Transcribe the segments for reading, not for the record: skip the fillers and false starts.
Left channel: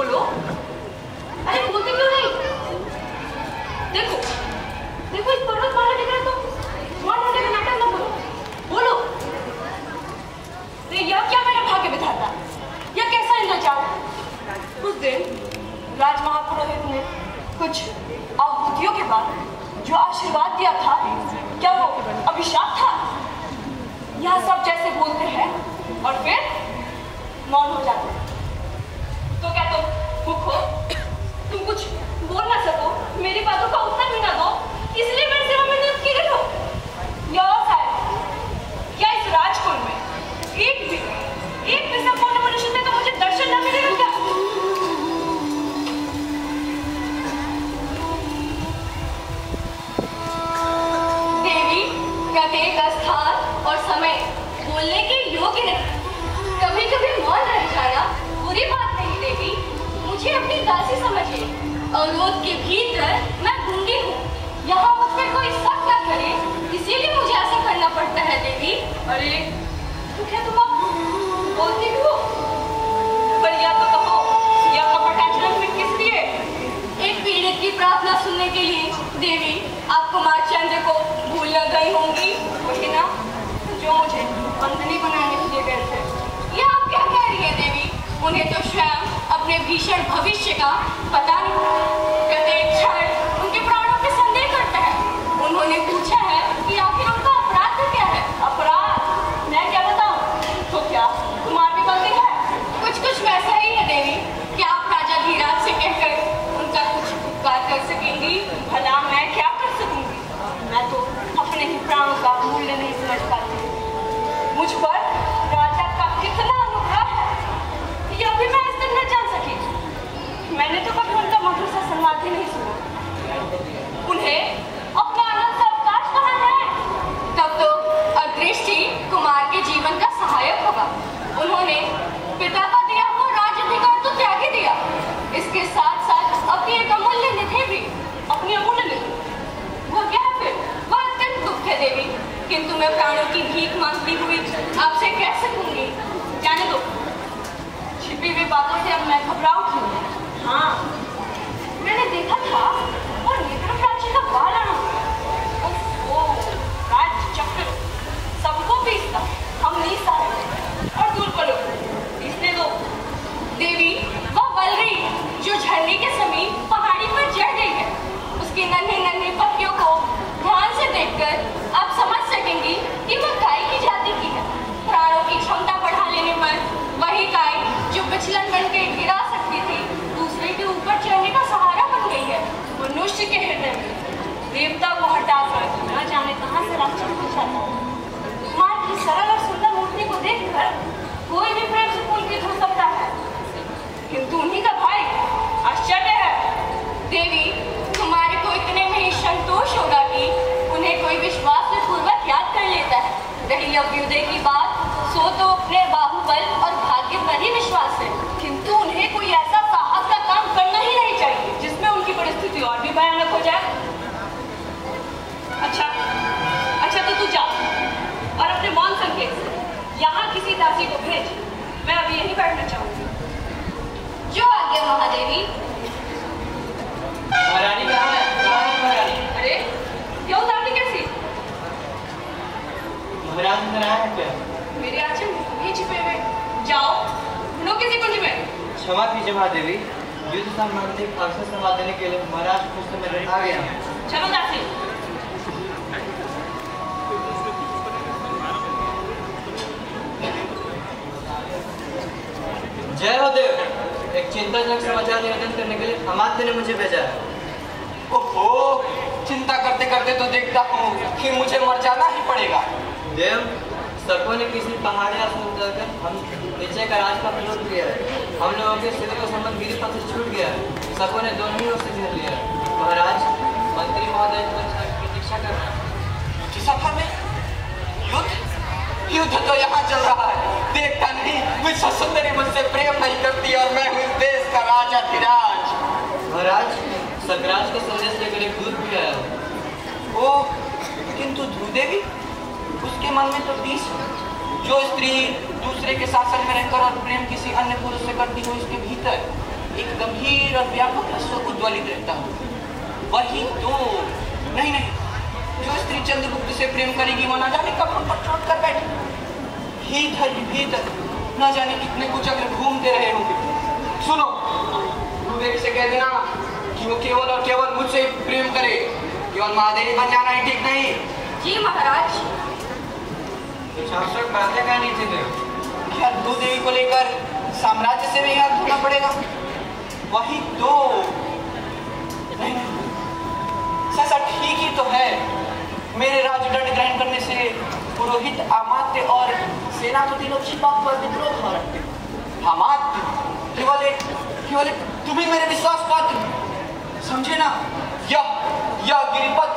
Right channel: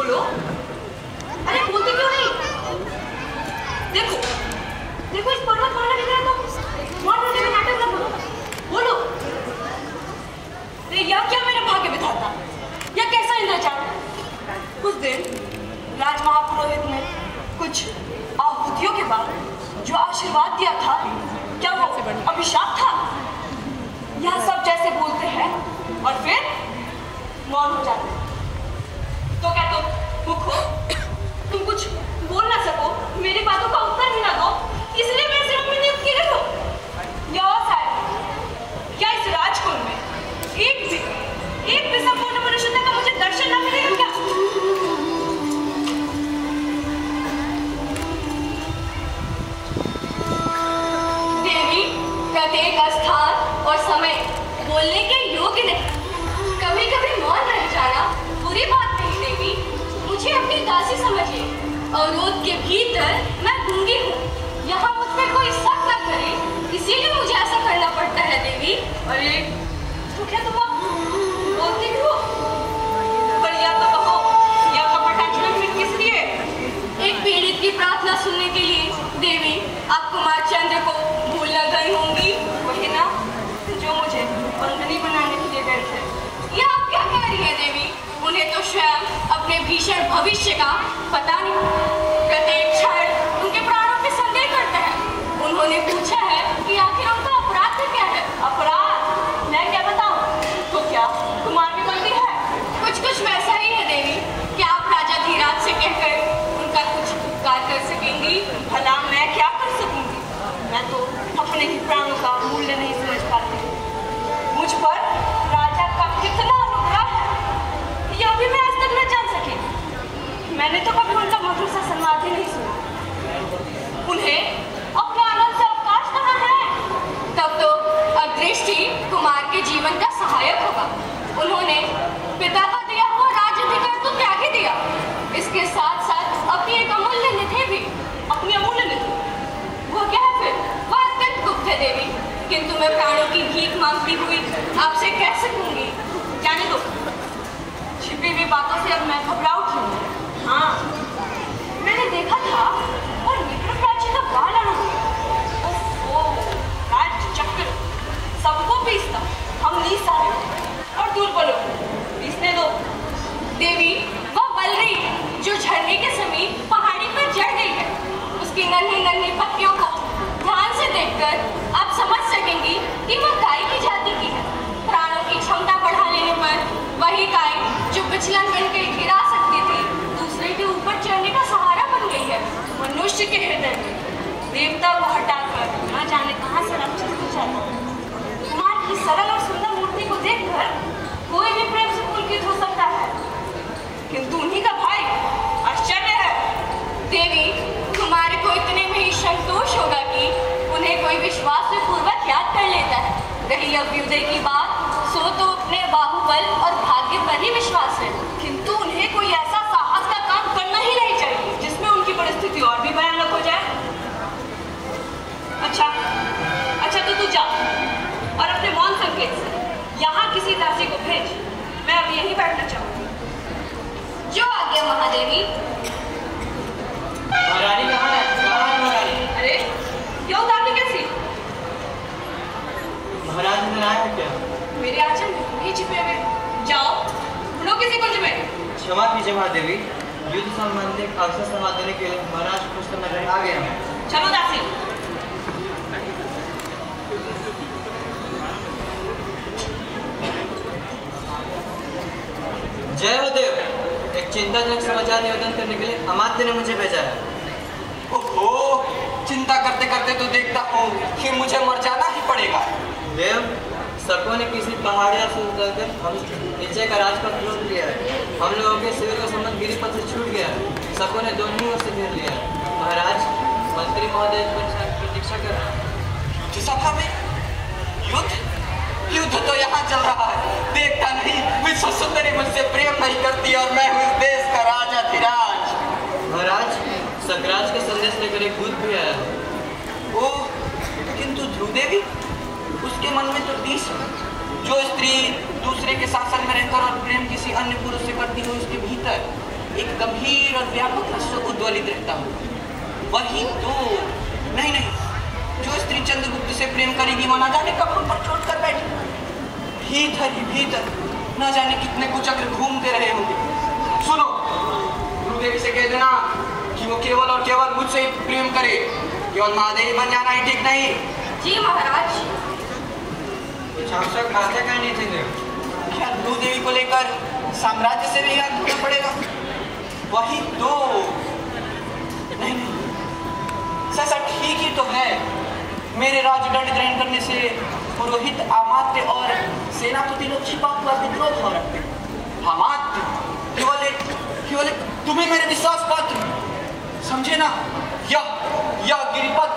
बोलो। अरे बोलते क्यों नहीं? देखो देखो इस पर्वतमाला की तरह तो मौन होने का नाटक न करो, बोलो। यह क्या मेरे भाग्य विधाता, यह कैसा इंद्रजाल। उस दिन राज महापुरोहित ने कुछ आहुतियों के बाद जो आशीर्वाद दिया था, क्या वो अभिशाप था? यह सब जैसे बोलते हैं और फिर मौन हो जाते। तो क्या तुम मुख हो? तुम कुछ बोल ना सको, मेरी बातों का उत्तर ही ना दो, इसलिए मेरे सेवा में नियुक्त की गई हो? या और शायद क्या इस राजकुल में एक भी संपूर्ण मनुष्यता का मुझे दर्शन न मिलेगा क्या? देवी, प्रत्येक स्थान और समय बोलने के योग्य नहीं। कभी कभी मौन रह जाना बुरी बात नहीं देवी, मुझे अपनी दासी समझिए। अवरोध के भीतर मैं गूंगी हूँ, यहाँ मुझ पर कोई शक न करे, इसीलिए मुझे ऐसा करना पड़ता है देवी। अरे तो क्या तुम बोलती भी हो? पर या तो कहो, या कपटाचरण फिर किस लिए? एक पीड़ित की प्रार्थना सुनने के लिए देवी, आप कुमार चंद्र को भूल न गई होंगी। वही ना जो मुझे बंधनी बनाने के लिए गए थे। ये आप क्या कह रही है देवी? उन्हें तो स्वयं अपने भीषण भविष्य का पता नहीं। प्रत्येक क्षण उनके प्राणों पे संदेह करता है। उन्होंने पूछा है कि आखिर उनका अपराध क्या है। अपराध? मैं क्या बताऊं? तो क्या कुमार भी गलती है? कुछ वैसा ही है देवी। क्या आप राजा धीराज से कहकर उनका कुछ उपकार कर सकेंगी? भला मैं क्या कर सकूंगी? मैं तो अपने ही प्राणों का मूल्य नहीं समझ पाती। मुझ पर राजा का कितना अनुग्रह है, यह भी मैं आज तक न जान सकी। मैंने तो कभी उनका मधुर सा संवाद ही नहीं सुना। उन्हें अपने आनंद से अवकाश कहाँ है? तब तो अदृष्टि कुमार के जीवन का सहायक होगा। उन्होंने पिता का दिया हुआ राजाधिकार तो त्याग ही दिया, इसके साथ साथ अपनी एक अमूल्य निधि भी। अपनी अमूल्य निधि? वह क्या है फिर? वह अत्यंत गुप्त है देवी, किंतु मैं प्राणों की भीख मांगती हुई आपसे कह सकूंगी। जाने दो, छिपी हुई बातों से अब मैं घबरा उठी हूँ। हाँ, मैंने देखा था वो निकट प्राची का बाल आना। ओहो, राज चक्र सबको पीसता, हम नीसा और दुर्बल इसने दो। देवी, वह बलरी जो झरने के समीप पहाड़ी पर चढ़ गई है, उसकी नन्ही नन्ही पत्तियों को ध्यान से देखकर आप समझ सकेंगी कि वह गाय की जाति की है। प्राणों की क्षमता बढ़ा लेने पर वही गाय जो विचलन बन के गिरा सकती थी, दूसरे के ऊपर चढ़ने का सहारा बन गई है। मनुष्य के हृदय में देवता को हटाकर न जाने कहां से राक्षस पूछा था। कुमार की सरल और सुंदर मूर्ति को देखकर कोई भी प्रेम से पुलकित हो सकता है, किंतु उन्हीं का भाई आश्चर्य है। देवी, कुमार को इतने में ही संतोष होगा कि उन्हें कोई विश्वास पूर्वक याद कर लेता है। रही अभ्युदय की बात, सो तो अपने बाहुबल और भाग्य पर ही विश्वास है, किंतु उन्हें कोई ऐसा साहस का काम करना ही नहीं चाहिए जिसमें उनकी परिस्थिति और भी भयानक हो जाए। अच्छा तो तू जा और अपने मौन संकेत से यहाँ किसी दासी को भेज। मैं अब यहीं बैठना चाहूंगी। जो आज्ञा महादेवी। महारानी कहाँ है? कहाँ है महारानी? अरे यह उतारने कैसी? महाराज इधर आया है क्या? मेरे आंचल में नहीं छिपे हुए। जाओ ढूंढो किसी कुंज में। क्षमा कीजिए महादेवी, युद्ध संबंधी अवसर संवाद देने के लिए महाराज कुछ तो नजर आ गया। चलो दासी। जय हो देव, एक चिंताजनक समाचार निवेदन करने के लिए अमात्य ने मुझे भेजा है। ओहो, चिंता करते करते तो देखता हूँ कि मुझे मर जाना ही पड़ेगा। देव, सबों ने किसी पहाड़िया से उतरकर हम नीचे का राज का लूट लिया है। हम लोगों के सिर का संबंध गिरी पथ से छूट गया। सबों ने दोनों ही ओर से घेर लिया। महाराज, मंत्री महोदय प्रतीक्षा कर रहा है। युद्ध सभा में युद्ध तो यहाँ चल रहा है, देखता नहीं विश्व सुंदरी मुझसे प्रेम नहीं करती और मैं हूँ इस देश का राजा धीराज। महाराज, सकराज के संदेश लेकर एक दूत भी आया। ओह, किंतु ध्रुव देवी, उसके मन में तो तीस जो स्त्री दूसरे के शासन में रहकर और प्रेम किसी अन्य पुरुष से करती है, उसके भीतर एक गंभीर और व्यापक रस को उद्वलित रहता हूँ। वही तो नहीं नहीं, जो स्त्री चंद्रगुप्त से प्रेम करेगी वो न जाने कब पर चोट कर बैठी। भीतर ही भीतर न जाने कितने कुचक्र घूमते रहे होंगे। सुनो, गुरुदेव से कह देना कि वो केवल और केवल मुझसे प्रेम करे, केवल महादेवी बन जाना ही ठीक नहीं। जी महाराज। शासक बातें कहनी थी। क्या गुरुदेवी को लेकर साम्राज्य से नहीं हाथ धोना पड़ेगा? वही तो नहीं, ससा ठीक ही तो है। मेरे राजदंड ग्रहण करने से पुरोहित, अमात्य और सेनापति लोग छिपा हुआ विद्रोह हो रहे हैं। अमात्य केवल तुम्हें मेरे विश्वास पात्र समझे ना। यह गिरिपथ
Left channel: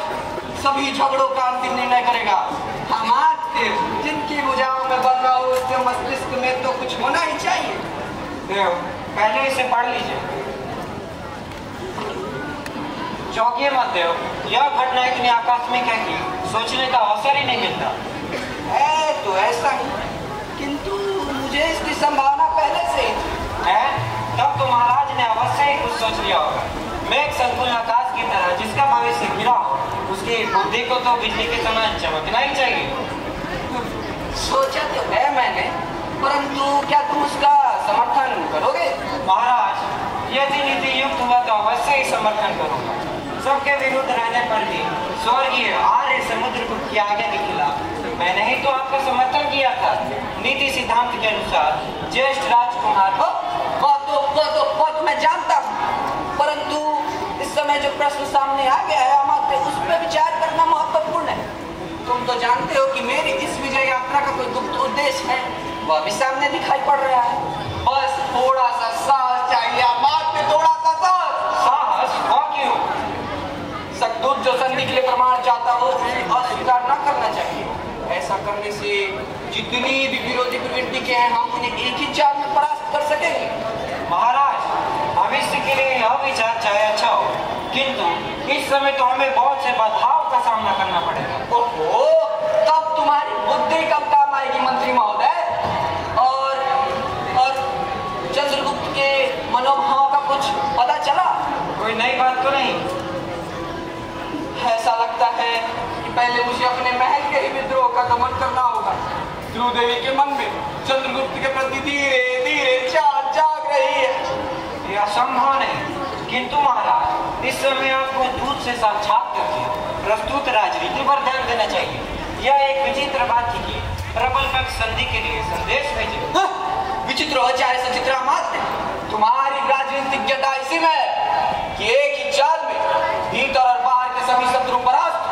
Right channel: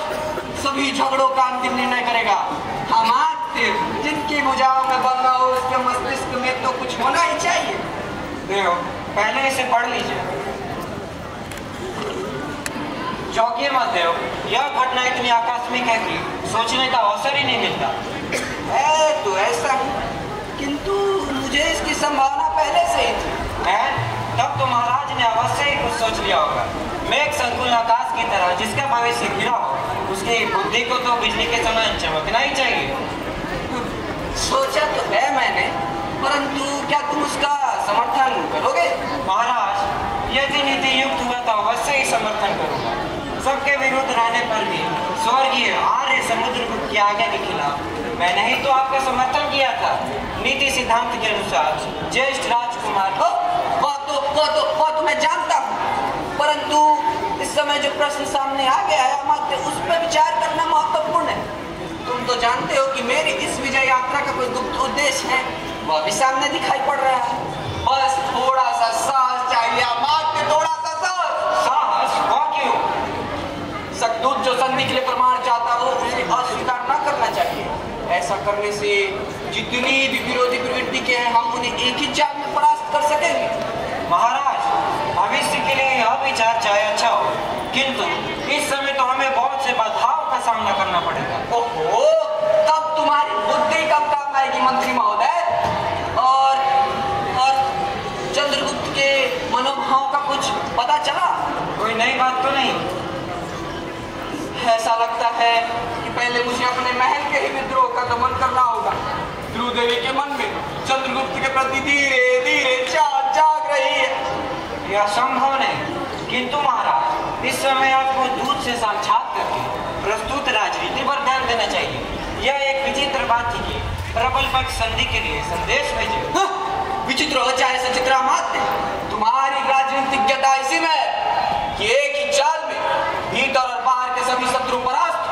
सभी झगड़ों का अंतिम निर्णय करेगा। अमात्य जिनकी भुजाओं में बल हो उसके मस्तिष्क में तो कुछ होना ही चाहिए। देव, पहले इसे पढ़ लीजिए। चौंकिए मत देव, यह घटना इतनी आकस्मिक है कि सोचने का अवसर ही नहीं मिलता। है तो ऐसा ही, किंतु मुझे इसकी संभावना पहले से है। तब तो महाराज ने अवश्य ही कुछ सोच लिया होगा। मैं एक संकुल आकाश की तरह जिसका भविष्य गिरा हो, उसकी बुद्धि को तो बिजली के समान चमकना ही चाहिए। सोचा तो है मैंने, परंतु क्या तुम उसका समर्थन करोगे? महाराज, यदि नीति युक्त हुआ तो अवश्य ही समर्थन करूंगा। सबके विरुद्ध रहने पर भी स्वर्गीय आर्य समुद्रगुप्त की आज्ञा के खिलाफ मैंने ही तो आपका समर्थन किया था। नीति सिद्धांत के अनुसार ज्येष्ठ राजकुमार वो तो मैं जानता हूँ, परंतु इस समय जो प्रश्न सामने आ गया है अमात्य, उस पर विचार करना महत्वपूर्ण है। तुम तो जानते हो कि मेरी इस विजय यात्रा का कोई गुप्त उद्देश्य है, वह भी सामने दिखाई पड़ रहा है। बस थोड़ा सा साहस चाहिए अमात्य, थोड़ा सा साहस। वह क्यों? सतदूत जो संधि के लिए प्रमाण चाहता हो उसे अस्वीकार न करना चाहिए। ऐसा करने से जितनी भी विरोधी प्रवृत्ति के हैं हम उन्हें एक ही चाल में परास्त कर सकेंगे। महाराज, भविष्य के लिए यह विचार चाहे अच्छा हो, किंतु इस समय तो हमें बहुत से बाधाओं का सामना करना पड़ेगा। ओहो, तब तुम्हारी बुद्धि कब काम आएगी मंत्री महोदय? और चंद्रगुप्त के मनोभाव का कुछ पता चला? कोई नई बात तो नहीं? ऐसा लगता है कि पहले मुझे अपने महल के ही विद्रोह का दमन करना होगा। ध्रुव देवी के मन में चंद्रगुप्त के प्रति धीरे धीरे जाग रही है। यह संभव नहीं, किंतु महाराज इस समय आपको दूध से साक्षात करके प्रस्तुत राजनीति पर ध्यान देना चाहिए। यह एक विचित्र बात थी कि प्रबल पक्ष संधि के लिए संदेश भेजे। विचित्र हो चाहे सचित्र अमात्य, तुम्हारी राजनीतिज्ञता इसी में है कि एक ही चाल में भीतर और बाहर के सभी शत्रु परास्त।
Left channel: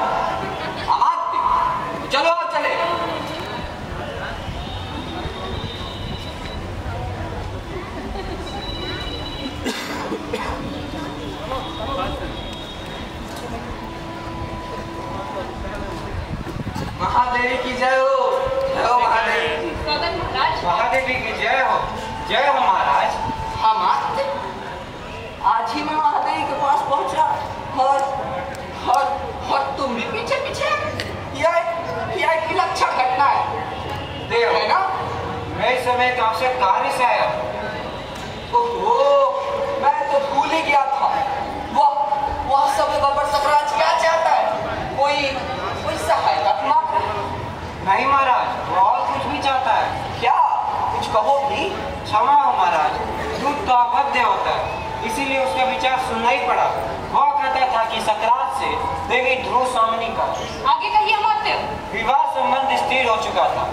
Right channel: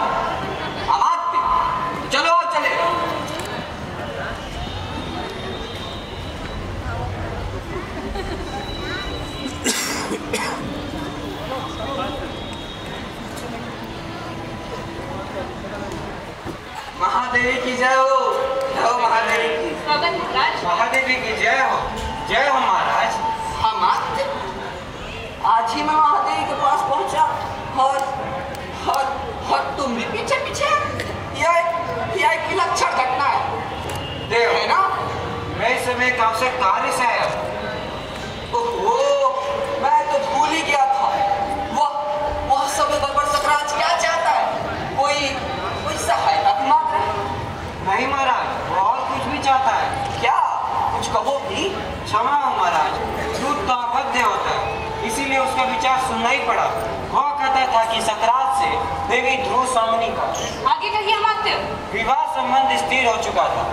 अमात्य, चलो चले। महादेवी की जय हो। महादेवी की महाराज। महादेवी की जय हो। जय हो महाराज। अमात्य, आज ही मैं महादेवी के पास पहुंचा और तुम भी पीछे पीछे। यह एक विलक्षण घटना है देव, है ना? मैं इस समय एक आवश्यक कार्य से आया हूँ। ओहो, मैं तो भूल ही गया था। वह सब गड़बड़ सकराज क्या चाहता है? कोई सहायता भी मांग रहा है? नहीं महाराज, वो और कुछ भी चाहता है। क्या? कुछ कहो भी। क्षमा हो महाराज, दूध तो अभद्य होता है, इसीलिए उसका विचार सुनना ही पड़ा। वह कहता था कि सकरात से देवी ध्रुव स्वामिनी का आगे कहिए अमात्य। विवाह संबंध स्थिर हो चुका था।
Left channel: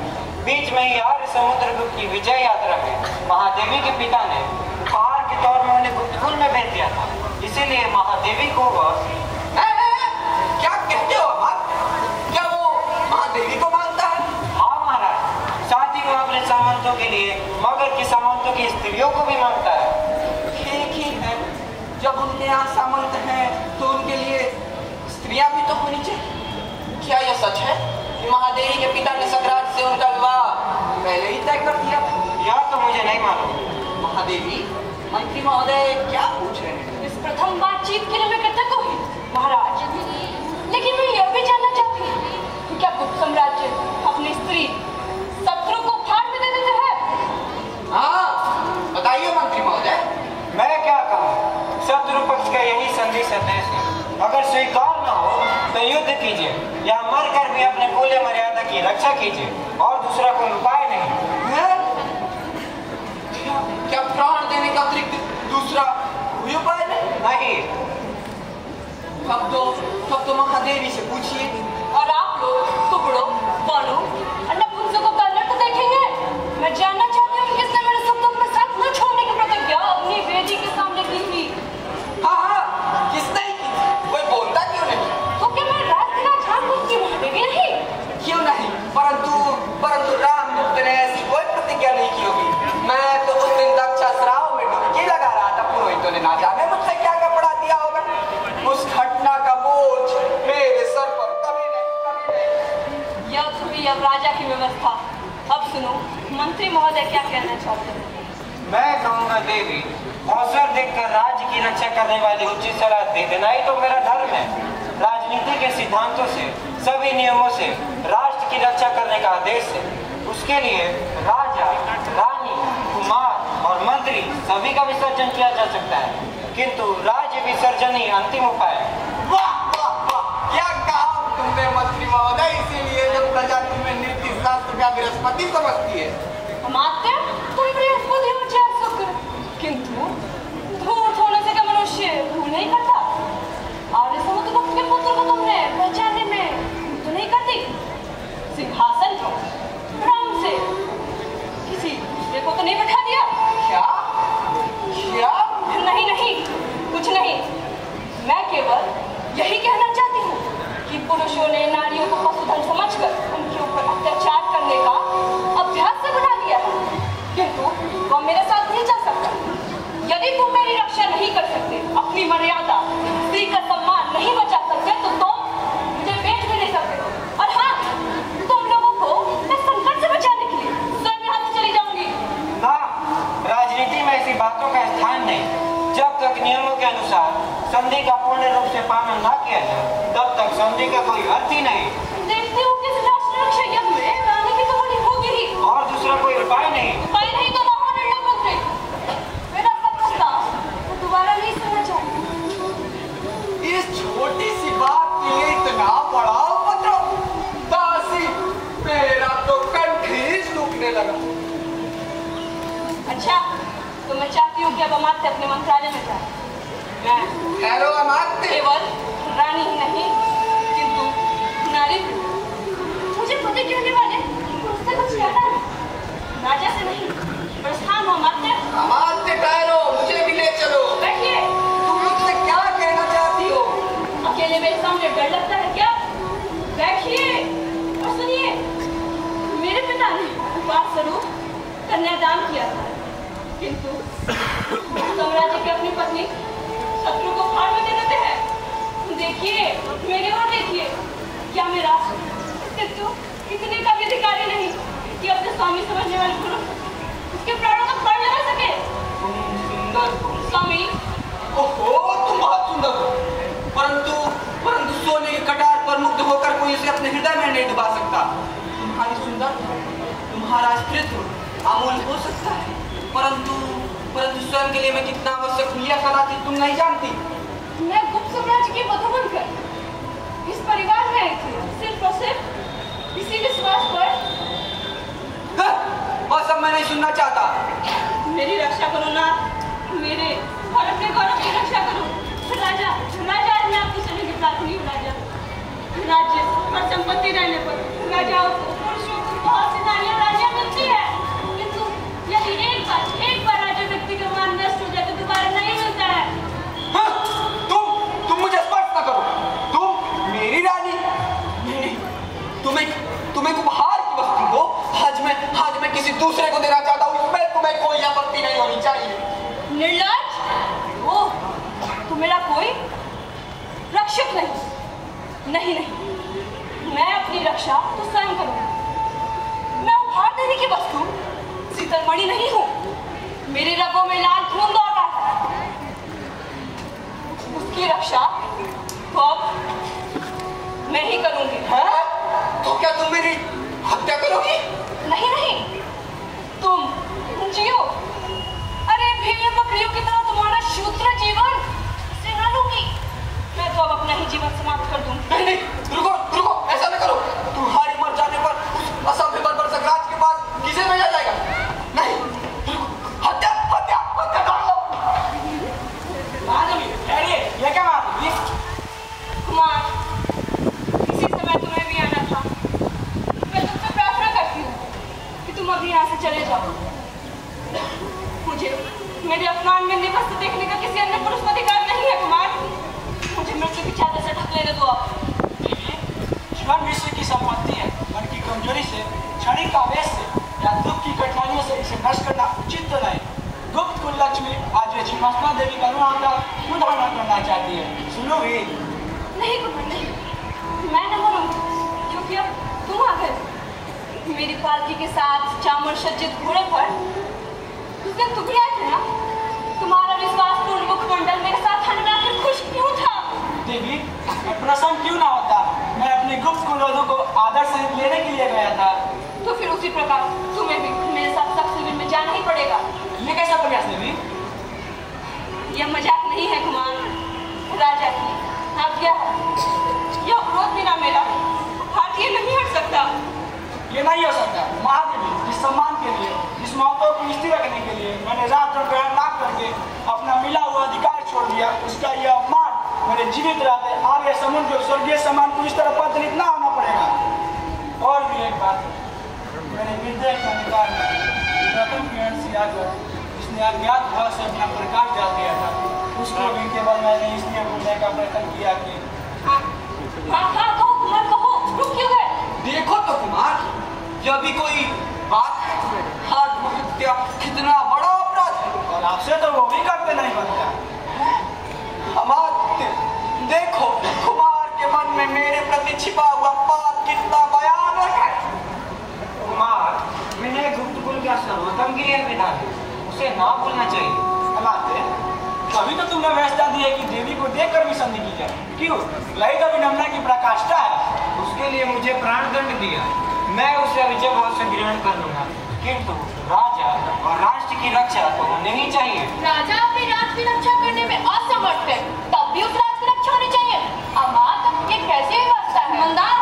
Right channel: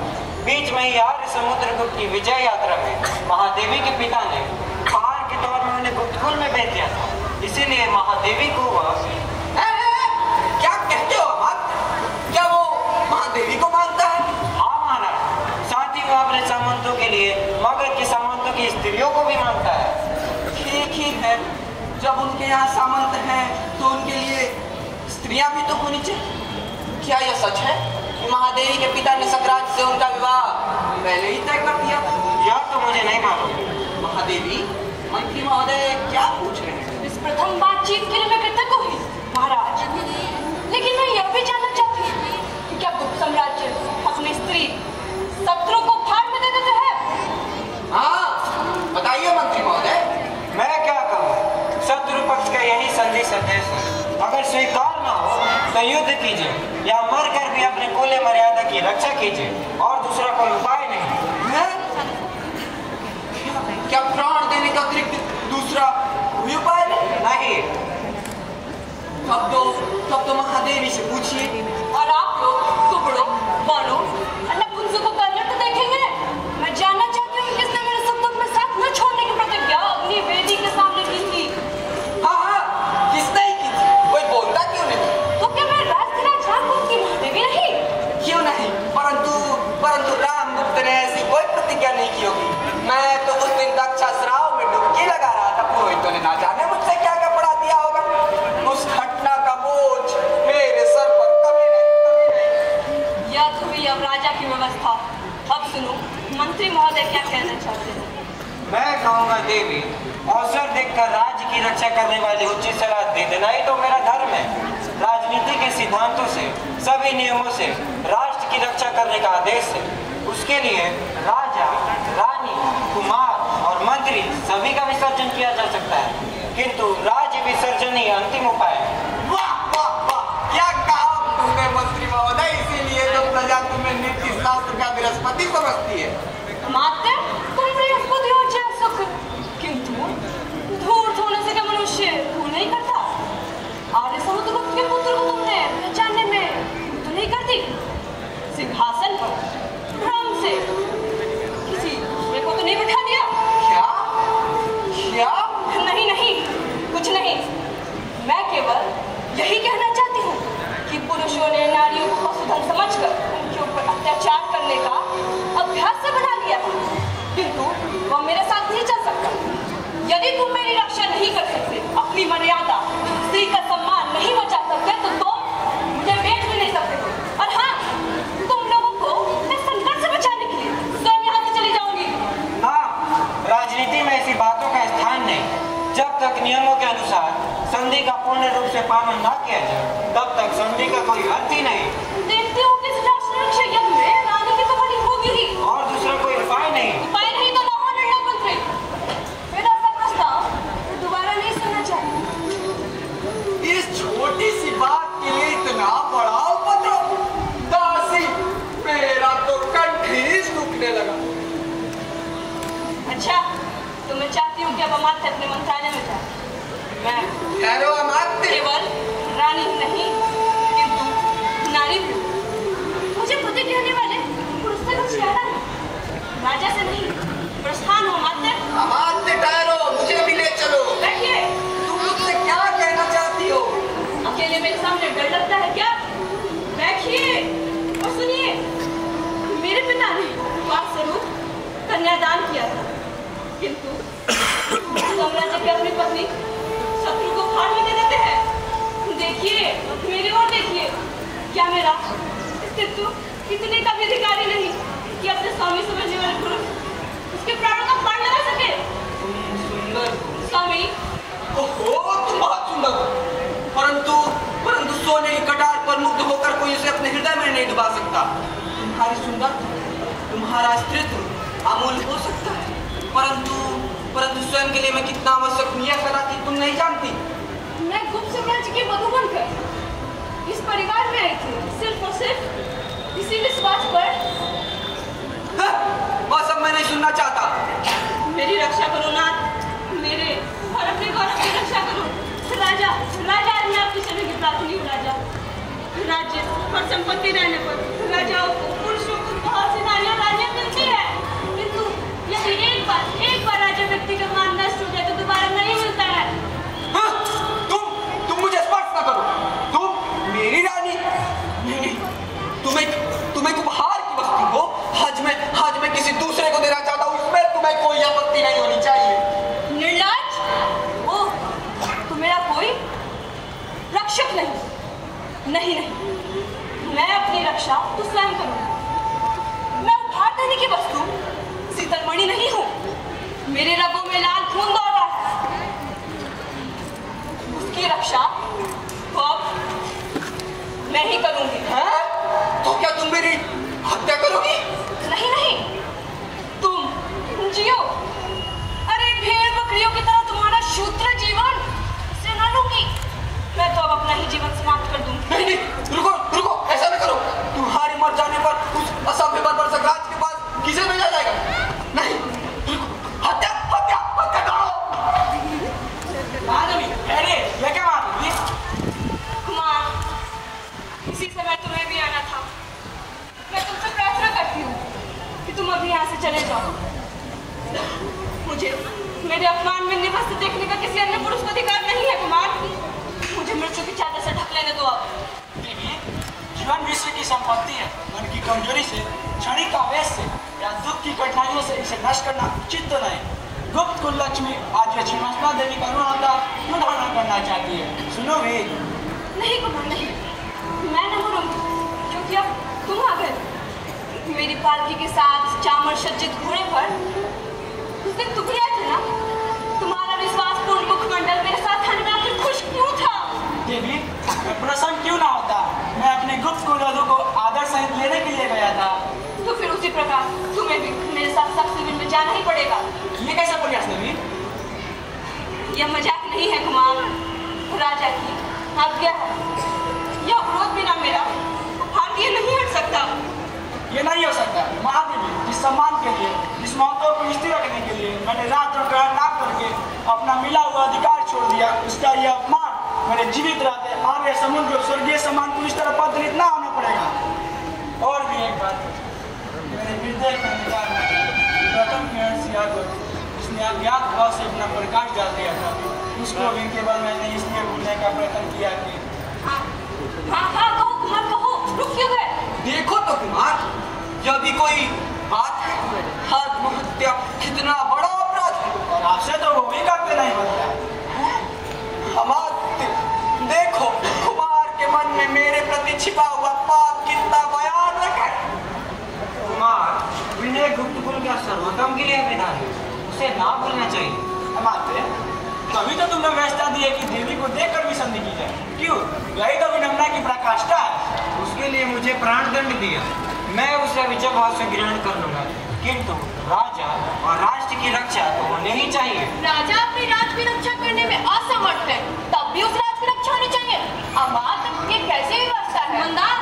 बीच में ही आर्य समुद्रगुप्त की विजय यात्रा में महादेवी के पिता ने पहाड़ के तौर में उन्हें गुप्तकुल में भेज दिया था। इसीलिए महादेवी को वह क्या कहते हो अमात्य? क्या वो महादेवी को मानता है? हाँ महाराज, साथ ही वो अपने सामंतों के लिए मगध के सामंतों की स्त्रियों को भी मानता है। ठीक ही है, जब उनके यहाँ सामंत हैं तो उनके लिए स्त्रियां भी तो होनी चाहिए। क्या यह सच है कि महादेवी के पिता ने सकरात से उनका विवाह पहले ही तय कर दिया था? यह तो मुझे नहीं मालूम। महादेवी, मंत्री महोदय क्या पूछ रहे हैं? इस प्रथम बातचीत के लिए मैं कृतज्ञ हूँ महाराज, लेकिन मैं यह भी जानना चाहती हूँ कि क्या गुप्त साम्राज्य अपनी स्त्री शत्रु को फाड़ में दे देते हैं? हाँ, बताइए मंत्री महोदय। मैं क्या कहूँ, स्वीकार न हो तो युद्ध कीजिए या मरकर भी अपने कुल मर्यादा की रक्षा कीजिए और दूसरा कोई उपाय नहीं है? क्या प्राण देने का अतिरिक्त दूसरा कोई उपाय नहीं? तब तो महादेवी से पूछिए। और आप लोग टुकड़ों बालों अन्नपुंजों को कलर तो देखेंगे। मैं जानना चाहती हूँ किसने मेरे सुख दुख में साथ न छोड़ने की प्रतिज्ञा अपनी वेदी के सामने की थी। हाँ, किसने की थी? कोई बोलता क्यों नहीं? तो क्या मैं राजधरा झाकुर की महादेवी नहीं? क्यों नहीं? परंतु रामगुप्त ने ऐसी कोई प्रतिज्ञा नहीं की होगी। मैं तो उस दिन दक्षा श्राव में डुबकी लगा रहा था। पुरोहितों ने ना जाने मुझसे क्या कपड़ा दिया होगा। उस घटना का बोझ मेरे सर पर कभी नहीं। यह तो हुई अब राजा की व्यवस्था। अब सुनो, मंत्री महोदय क्या कहना चाहते हैं? मैं कहूँगा देवी, अवसर देखकर राज्य की रक्षा करने वाली उचित सलाह दे देना ही तो मेरा धर्म है। राजनीति के सिद्धांतों से, सभी नियमों से राष्ट्र की रक्षा करने का आदेश है। उसके लिए राजा, रानी, कुमार और मंत्री सभी का विसर्जन किया जा सकता है, किंतु राज्य विसर्जन ही अंतिम उपाय है। वाह वाह वाह, क्या कहा तुमने मंत्री महोदय। इसीलिए तो प्रजा तुम्हें नीति शास्त्र का बृहस्पति समझती है। मात्र तुम बृहस्पति हो चाहे शुक्र, किंतु धूर्त होने से क्या मनुष्य भूल नहीं करता? आर्य समुद्रगुप्त के पुत्र को तुमने पहचानने में तो नहीं करती? सिंहासन को भ्रम से किसी दूसरे को तो नहीं बैठा दिया? क्या? नहीं, कुछ नहीं। मैं केवल यही कहना चाहती हूँ कि पुरुषों ने नारियों को पशुधन समझकर उनके ऊपर अत्याचार करने का अभ्यास से बना दिया, किंतु वह मेरे साथ नहीं चल सकता। यदि तुम मेरी रक्षा नहीं कर सकते, अपनी मर्यादा, स्त्री का सम्मान नहीं बचा सकते, तो तुम मुझे बेच भी नहीं सकते। और हाँ, तुम लोगों को मैं संकट से बचाने के लिए स्वयं यहाँ से चली जाऊंगी। ना, राजनीति में ऐसी बातों का स्थान नहीं। जब तक नियमों के अनुसार संधि का पूर्ण रूप से पालन न किया जाए, तब तक संधि का कोई अर्थ ही नहीं। देखती हूँ कि इस राष्ट्र रक्षा यज्ञ में रानी की तो हानि होगी ही। और दूसरा कोई उपाय नहीं। उपाय नहीं तो ना हो निर्णय मंत्री। मेरा सब प्रस्ताव मैं दोबारा नहीं सुनना चाहती। इस छोटी सी बात के लिए इतना बड़ा उपद्रव। दासी, मेरा तो कंठ ही सूखने लगा। अच्छा, तो मैं चाहती हूँ कि अब अमात्य अपने मंत्रालय में जाए। मैं ठहरो अमात्य। केवल रानी ही नहीं, किंतु नारी भी। मुझे पति कहने वाले पुरुष से कुछ ज्यादा राजा से नहीं, प्रस्थान हो अमात्य। अमात्य ठहरो, मुझे भी ले चलो। बैठिए। तुम मुझसे क्या कहना चाहती हो? अकेले मेरे सामने डर लगता है क्या? बैठिए और सुनिए। मेरे पिता ने उपहार स्वरूप कन्यादान किया था, किंतु साम्राज्य की अपनी पत्नी शत्रु को भार में दे देते हैं। देखिए, मेरे ओर देखिए। क्या मेरा अस्तित्व इतने का भी अधिकारी नहीं कि अपने स्वामी समझने वाले पुरुष उसके प्राणों का प्राण लगा सके? सुंदर स्वामी, ओहो, तुम बहुत सुंदर हो। परंतु सोने की कटार पर मुग्ध होकर कोई उसे अपने हृदय में नहीं डुबा सकता। तुम्हारी सुंदरता, तुम्हारा अस्तित्व अमूल्य हो सकता है, परंतु स्वयं के लिए मैं कितना आवश्यक हूँ यह कदापि तुम नहीं जानती। मैं गुप्त साम्राज्य की वधू बनकर इस परिवार में आई थी, सिर्फ और सिर्फ इसी विश्वास पर। वह सब मैं नहीं सुनना चाहता। मेरी रक्षा करो नाथ, मेरे और अपने गौरव की रक्षा करो। राजा, मैं आपकी शरण की प्रार्थनी हूँ। राजा, राज्य और संपत्ति रहने पर राजाओं को, पुरुषों को बहुत सी नारियां रानियां मिलती है, किंतु यदि एक बार राजा व्यक्ति का मान नष्ट हो जाए तो दोबारा नहीं मिलता है। तुम मुझे स्पर्श न करो। तुम मेरी रानी नहीं, तुम्हें उपहार की वस्तु हो। आज मैं किसी दूसरे को देना चाहता हूँ, इसमें तुम्हें कोई आपत्ति नहीं होनी चाहिए। निर्लज्ज, तो मेरा कोई रक्षक नहीं, मैं अपनी रक्षा तो स्वयं करूँ। मैं उपहार देने की वस्तु सीतलमणि नहीं हूँ। मेरे रगों में लाल खून दौड़ रहा है, उसकी रक्षा तो अब मैं ही करूंगी। तो क्या तुम मेरी हत्या करोगी? नहीं, तुम जियो। अरे भेड़ बकरियों की तरह तुम्हारा शूद्र जीवन से न लूंगी। मैं तो अब अपना ही जीवन समाप्त कर दूं। नहीं नहीं, रुको रुको, ऐसा न करो। तुम्हारे मर जाने पर उस असभ्य बर्बर सखराज के पास किसे भेजा जाएगा? नहीं, रुको, हत्या हत्या हत्या करो। ये क्या बात हुई? कुमार, इसी समय तुम्हें भी आना था। मैं तुमसे प्रार्थना करती हूँ कि तुम अभी यहाँ से चले जाओ। मुझे मेरे अपमान में निवस्त देखने का किसी अन्य पुरुष को अधिकार नहीं है कुमार। मुझे मृत्यु की चादर से ढक लेने दो आप। जीवन विश्व की संपत्ति है। मन की कमजोरी से, क्षणिक आवेश से या दुख की कठिनाइयों से इसे नष्ट करना उचित तो नहीं। गुप्त कुललक्ष्मी आज ये छिन्नमस्ता देवी का मुंडन करना चाहती है। सुनो भी। नहीं कुमार नहीं, मैं न मरूंगी क्योंकि अब तुम आ गए। मेरी पालकी के साथ चामर सज्जित घोड़े पर उस दिन तुम आए थे ना। तुम्हारा विश्वासपूर्ण मुखमंडल मेरे साथ ठंडा कर खुश क्यों था? देवी, मैं प्रसन्न क्यों ना होता? मैं अपने गुप्त कुलवधु को आदर सहित लेने के लिए गया था। तो फिर उसी प्रकार तुम्हें भी मेरे साथ सख्त शिविर में जाना ही पड़ेगा। ये कैसा प्रयास देवी? यह मजाक नहीं है कुमार, राजा की आज्ञा है। यह विरोध बिना मेरा भारतीय नहीं हट सकता। ये नहीं हो सकता। महादेवी, जिस सम्मान के लिए, इस महत्व को स्थिर रखने के लिए मैंने रात और ग्रहण ना करके अपना मिला हुआ अधिकार छोड़ दिया, उसका यह अपमान मेरे जीवित रहते आर्य समुद्र को स्वर्गीय सम्मान को इस तरह पदलित ना होना पड़ेगा। और भी एक बात, मेरे विद्या के अनुसार प्रथम किरण से यादव जिसने अज्ञात भाव से अपना प्रकाश डाल दिया था, उसको भी केवल मैंने इसलिए भूलने का प्रयत्न किया कि हाँ कहो कुमार कहो, रुक क्यों गए? देखो तो कुमार, यह भी कोई बात है? आत्महत्या कितना बड़ा अपराध है। और आपसे तो वो भी करते नहीं बनता। अमात्य, देखो कुमार के मन में मेरे प्रति छिपा हुआ पाप कितना भयानक है। कुमार, विनय गुप्त कुल का सर्वोत्तम के लिए विधान है, उसे ना भूलना चाहिए। हमारे कभी तो तुमने व्यवस्था दी है कि देवी को देखकर भी संधि की जाए। क्यों? यही तो विनम्रता की प्रकाष्ठा है। उसके लिए मुझे प्राणदंड दिया, मैं उसे विजय भाव से ग्रहण कर लूंगा, किंतु राजा और राष्ट्र की रक्षा तो होनी ही चाहिए। राजा अपने राज की रक्षा करने में असमर्थ है, तब भी उस राज की रक्षा होनी चाहिए। अमात, ये कैसी व्यवस्था है? मंदार,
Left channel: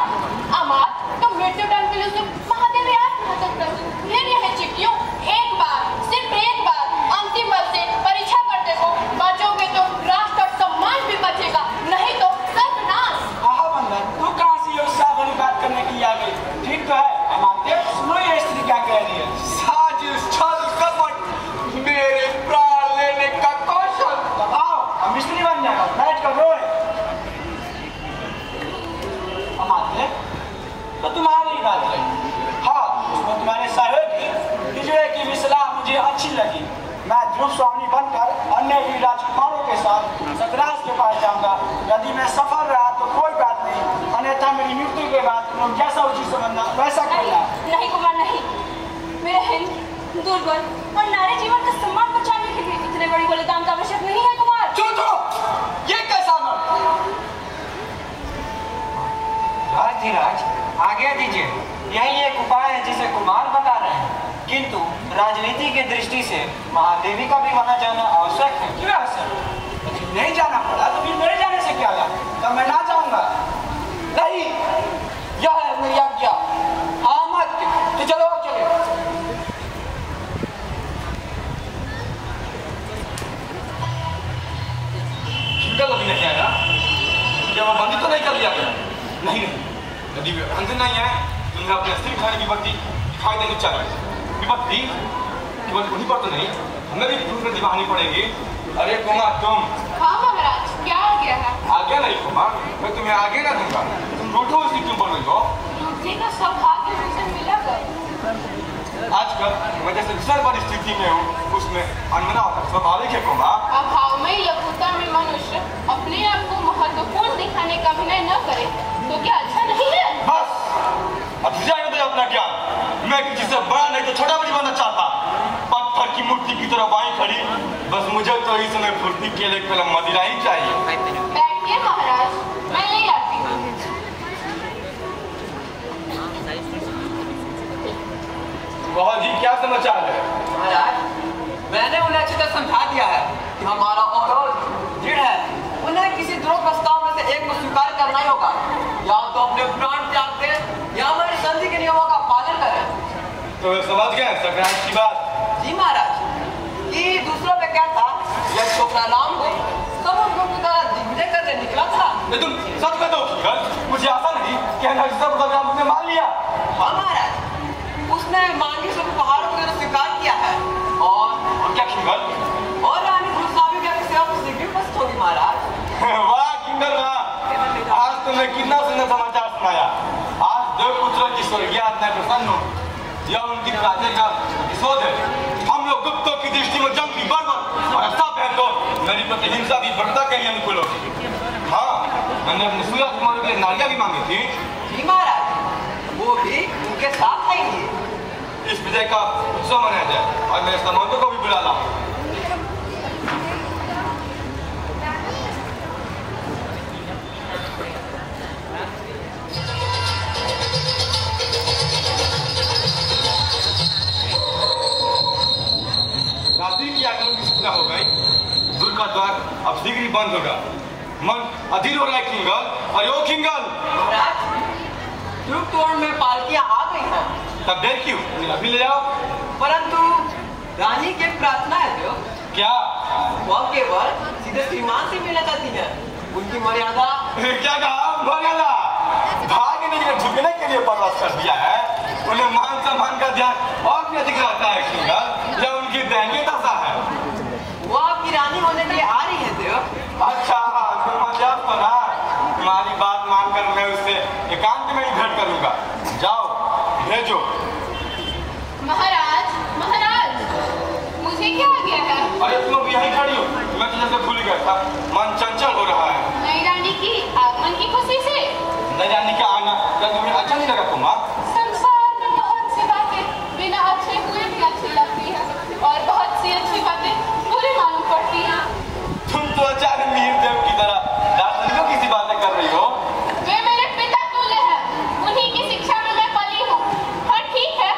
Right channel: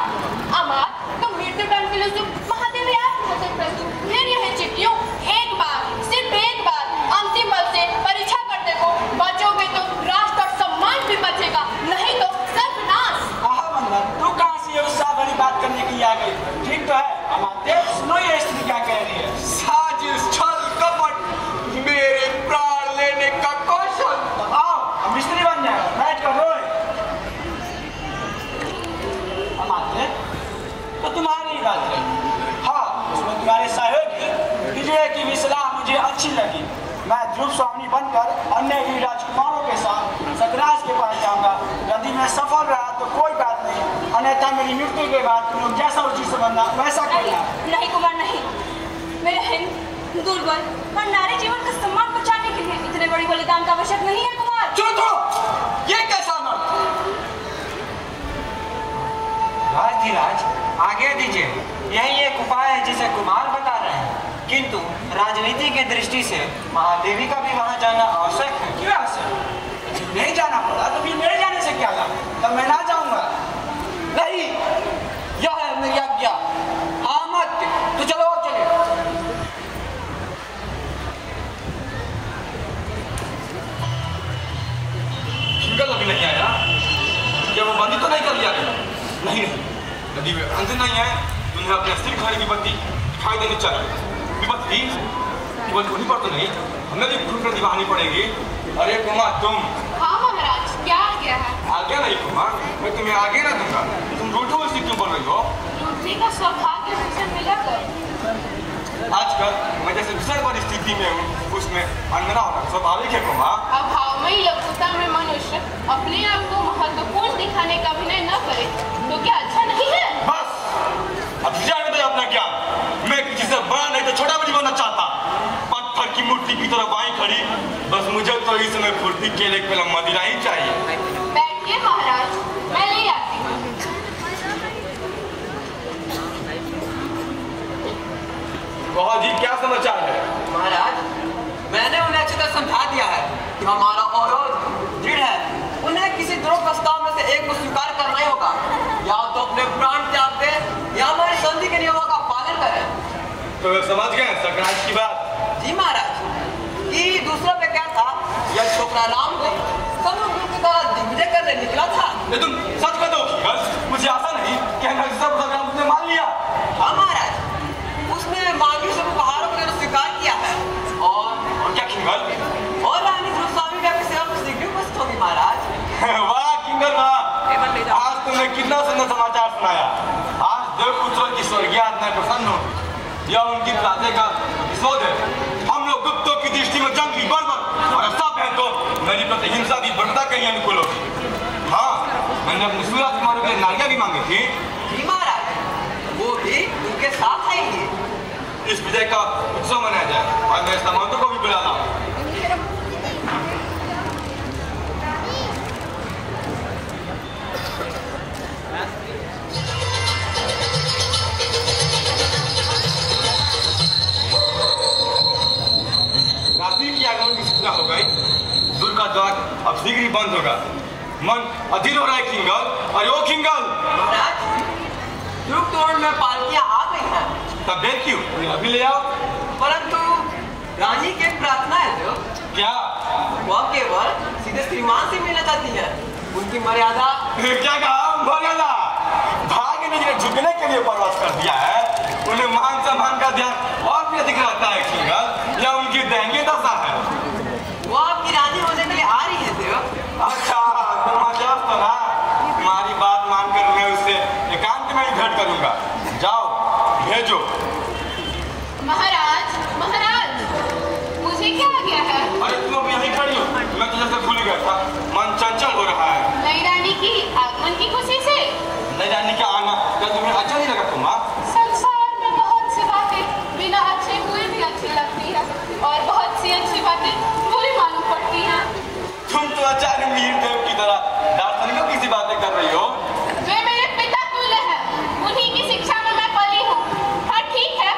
अमात तो मृत्यु दंड के लिए महादेव याद हो सकता है। फिर यह चिट्ठियों एक बार, सिर्फ एक बार अंतिम बल से परीक्षा कर देखो, बचोगे तो राष्ट्र और सम्मान भी बचेगा, नहीं तो सर्वनाश। आहा मंदर, तू कहाँ से ये उत्साह भरी बात करने की आई? ठीक तो है हमारे, सुनो ये स्त्री क्या कह रही है। साजिश, छल, कपट, मेरे प्राण लेने का कौशल। तो आओ, हम स्त्री बन जाए, बैठ कर रोए। हमारे तो तुम्हारी बात है। हाँ, उसमें तुम्हारे सहयोग विजय की भी सलाह मुझे अच्छी लगी। मैं ध्रुव स्वामी बनकर अन्य वीर राजकुमारों के साथ सतराज के पास जाऊंगा। यदि मैं सफल रहा तो कोई बात नहीं, अन्यथा मेरी मृत्यु के बाद तुम जैसा उचित समझना वैसा करना। नहीं कुमार नहीं, मेरे हिंद दुर्बल और नारी जीवन का सम्मान बचाने के लिए इतने बड़ी बलिदान का आवश्यक नहीं है कुमार। छोड़ो, ये कैसा न? राजधिराज, आज्ञा दीजिए। यही एक उपाय है जिसे कुमार बता रहे हैं, किंतु राजनीति की दृष्टि से महादेवी का भी वहां जाना आवश्यक है। क्यों आवश्यक? नहीं जाना पड़ा तो फिर मेरे जाने से क्या हुआ? तब मैं ना जाऊंगा। नहीं, यह है मेरी आज्ञा। अमात्य, तो चलो चले। निकल अभी नहीं आया, क्या वो बंदी तो नहीं कर लिया गया? नहीं नहीं, यदि वे अंध नहीं है तो उन्हें अपने अस्थिर खाने की बत्ती दिखाई देनी चाहिए। विपत्ति केवल उन्हीं पर तो नहीं, हमें भी ग्रुप में दिखानी पड़ेगी। अरे कुमार तुम। हाँ महाराज, क्या आ गया है? आगे नहीं कुमार, मैं तुम्हें आगे ना दूंगा। तुम रूठो इसकी क्यों बोल रही हो? लूटने का सौभाग्य मुझसे मिला कर। आजकल मैं जैसे विषय परिस्थिति में हूँ उसमें अनमना होना स्वाभाविक है कुमार। अभावमयी लघुता में मनुष्य अपने आप को महत्वपूर्ण दिखाने का अभिनय न करे तो क्या अच्छा नहीं है? बस अब जाने दो अपना ज्ञान। मैं किसी से बड़ा नहीं तो छोटा भी बनना चाहता। पत्थर की मूर्ति की तरह बाई खड़ी, बस मुझे तो इस समय फुर्ती के लिए पहले मदिरा ही चाहिए। बैठिए महाराज, मैं ले आती हूँ। बहुत जी, क्या समाचार है? महाराज, मैंने उन्हें अच्छी तरह समझा दिया है। हमारा अनुरोध दृढ़ है। उन्हें किसी द्रोह प्रस्ताव में से एक तो समझ गए संक्रांत की बात? जी महाराज, ये दूसरा में क्या था, यह छोकरा राम को समुद्र की तरह दिग्विजय करने निकला था। ये तुम सच कर दो मुझे आशा नहीं कि सब संग्राम ने मान लिया। हाँ महाराज, उसने मांगी सब पहाड़ों को स्वीकार किया है और क्या किंगल? और रानी गोस्वामी का सेवा शीघ्र उपस्थित होगी महाराज। वाह किंगल वाह, आज तुमने कितना सुंदर समाचार सुनाया। आज देवपुत्र की स्वर्गीय आत्मा प्रसन्न होगी, यह उनकी प्रार्थना का विशोध है। हम लोग गुप्तों की दृष्टि में जंग की बर्बर और सब है तो मेरी प्रति हिंसा की बढ़ता कहीं अनुकूल होगी। हाँ, मैंने अपने सूर्य कुमार के लिए नारियां भी मांगी थी। जी महाराज, वो भी उनके साथ आएंगे। इस विजय का उत्सव मनाया जाए और मैं सामंतों को भी बुला लाऊं। हो गई, दूर का द्वार अब शीघ्र ही बंद होगा। मन अधीर हो रहा है किंगल। अरे ओ किंगल, महाराज युग तोड़ में पालकियां आ गई हैं। तब देर क्यों, अभी ले आओ। परंतु रानी की एक प्रार्थना है जो क्या? वह केवल सीधे श्रीमान से मिलना चाहती है। उनकी मर्यादा क्या कहा? बोला ना, भाग्य ने जिन्हें झुकने के लिए प्रवास कर दिया है उन्हें मान सम्मान का ध्यान और भी अधिक रहता है किंगल। यह उनकी दैंगे दशा है। वो आपकी रानी होने के लिए आ रही है देव। अच्छा, तुम्हारी बात मानकर मैं उससे एकांत में ही भेंट करूंगा। जाओ भेजो। महाराज, महाराज, मुझे क्या आ गया है? अरे तुम अभी यहीं खड़ी हो, मैं तुझे से भूल गया था। मन चंचल हो रहा है। नई रानी की आगमन की खुशी से। नई रानी का आना क्या तुम्हें अच्छा नहीं लगा? तुम संसार में बहुत सी बातें बिना अच्छे हुए भी अच्छी लगती है और बहुत सी अच्छी बातें बुरी मालूम पड़ती है। तुम तो अचानक मीर देव की तरह दार्शनिकों की सी बातें कर रही हो। वे मेरे पिता तुल्य हैं, उन्हीं की शिक्षा में मैं पली हूँ। और ठीक है,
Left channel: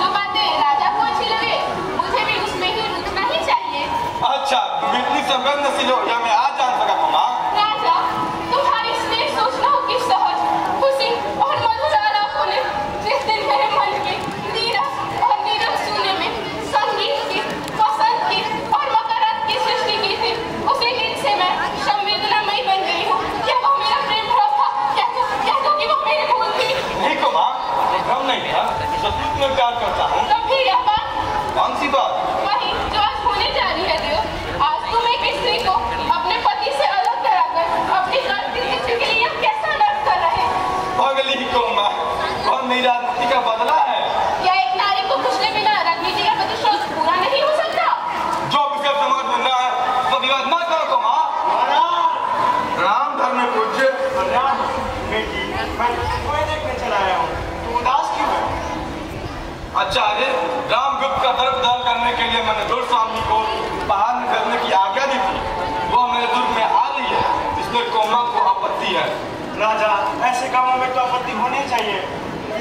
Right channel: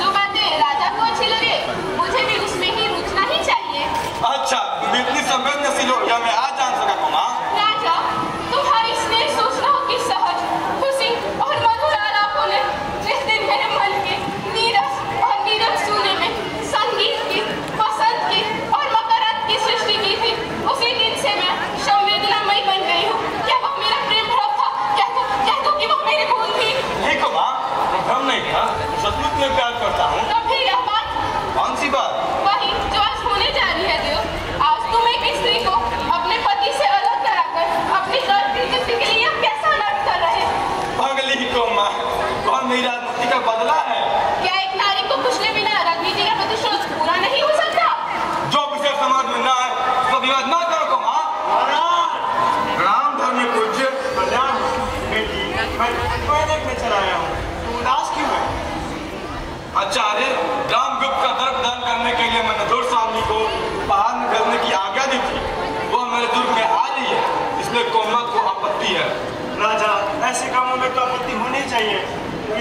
जो बातें राजा को अच्छी लगे मुझे भी उसमें ही रुचना ही चाहिए। अच्छा, तुम इतनी संवेदनशील हो गया, मैं आज जान सका तुम। राजा, तुम्हारी स्नेह सूचनाओं की सहज खुशी और मधुर आलापों ने जिस दिन मेरे मन के नीरस और नीरस शून्य में संगीत की, वसंत की और मकरंद की सृष्टि की थी, उसी दिन से मैं संवेदनामयी बन गई हूँ। क्या वो मेरा प्रेम भ्रम था? कह दो कि वो मेरी भूल थी। नहीं को माँ, भ्रम नहीं था, सचमुच में प्यार करता हूँ। तब भी यह बात? कौन सी बात? वही जो आज होने जा रही है देव। आज तुम एक स्त्री को अपने पति से अलग कराकर अपनी गलती के लिए कैसा नाटक कर रहे? पागली को माँ, कौन मेरी राजनीति का बदला है? क्या एक नारी को कुचले बिना राजनीति का प्रतिशोध पूरा नहीं हो सकता? जो विषय समाज में ना है तो विवाद ना करो को माँ। राम धर्म में पूज्य। मैं कोई देखने चला आया हूँ, तू उदास क्यों है? अच्छा, अरे रामगुप्त का दर प्रदान करने के लिए मैंने दूर स्वामी को पहाड़ में भेजने की आज्ञा दी थी। वो मेरे दूर में आ रही है, इसमें कोमल को आपत्ति है। राजा, ऐसे कामों में तो आपत्ति होनी चाहिए।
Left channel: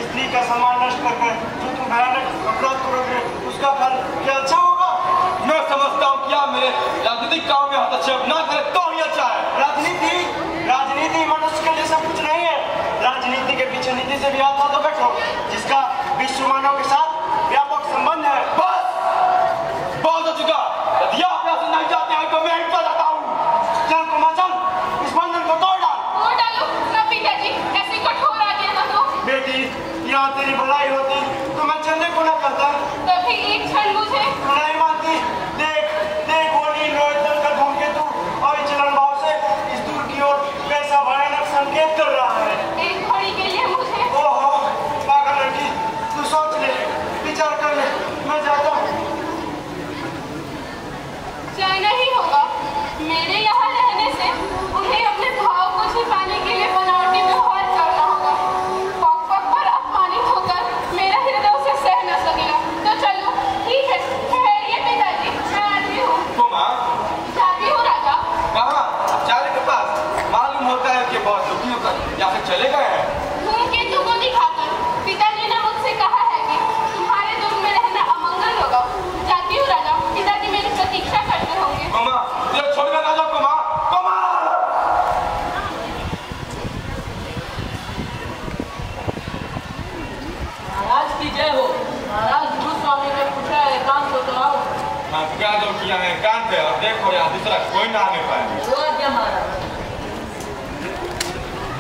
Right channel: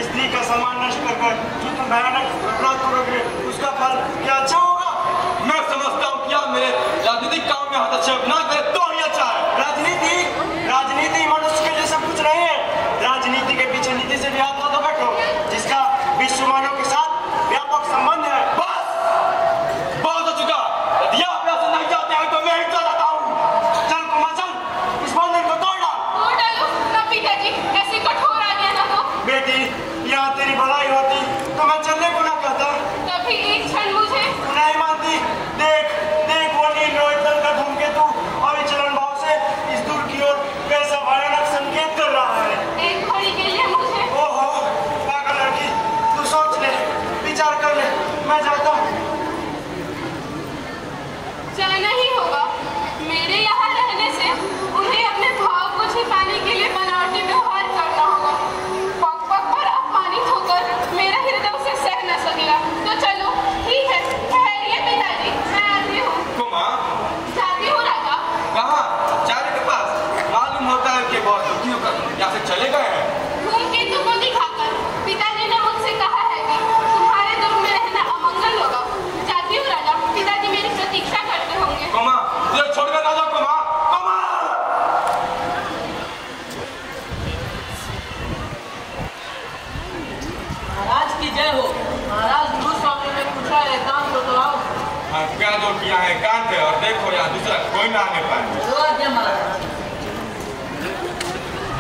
स्त्री का सम्मान नष्ट करके जो तुम भयानक अपराध करोगे उसका फल क्या अच्छा होगा? मैं समझता हूँ क्या मेरे राजनीतिक काम में हस्तक्षेप ना करे तो ही अच्छा है। राजनीति मनुष्य के लिए सब कुछ नहीं है। राजनीति के पीछे नीति से भी हाथ ना तो बैठो, जिसका विश्व मानव के साथ व्यापक संबंध है। बस बहुत हो चुका। यदि आप यहाँ से नहीं जाते हैं तो मैं ही चला जाता हूँ। चल कुमार चल, इस बंधन को तोड़ डाल। तोड़ डालो तब पिताजी, ऐसी कठोर आज्ञा न दो। बेटी, यहाँ तेरी भलाई होती तो मैं चलने को ना कहता। तभी एक क्षण मुझे नहीं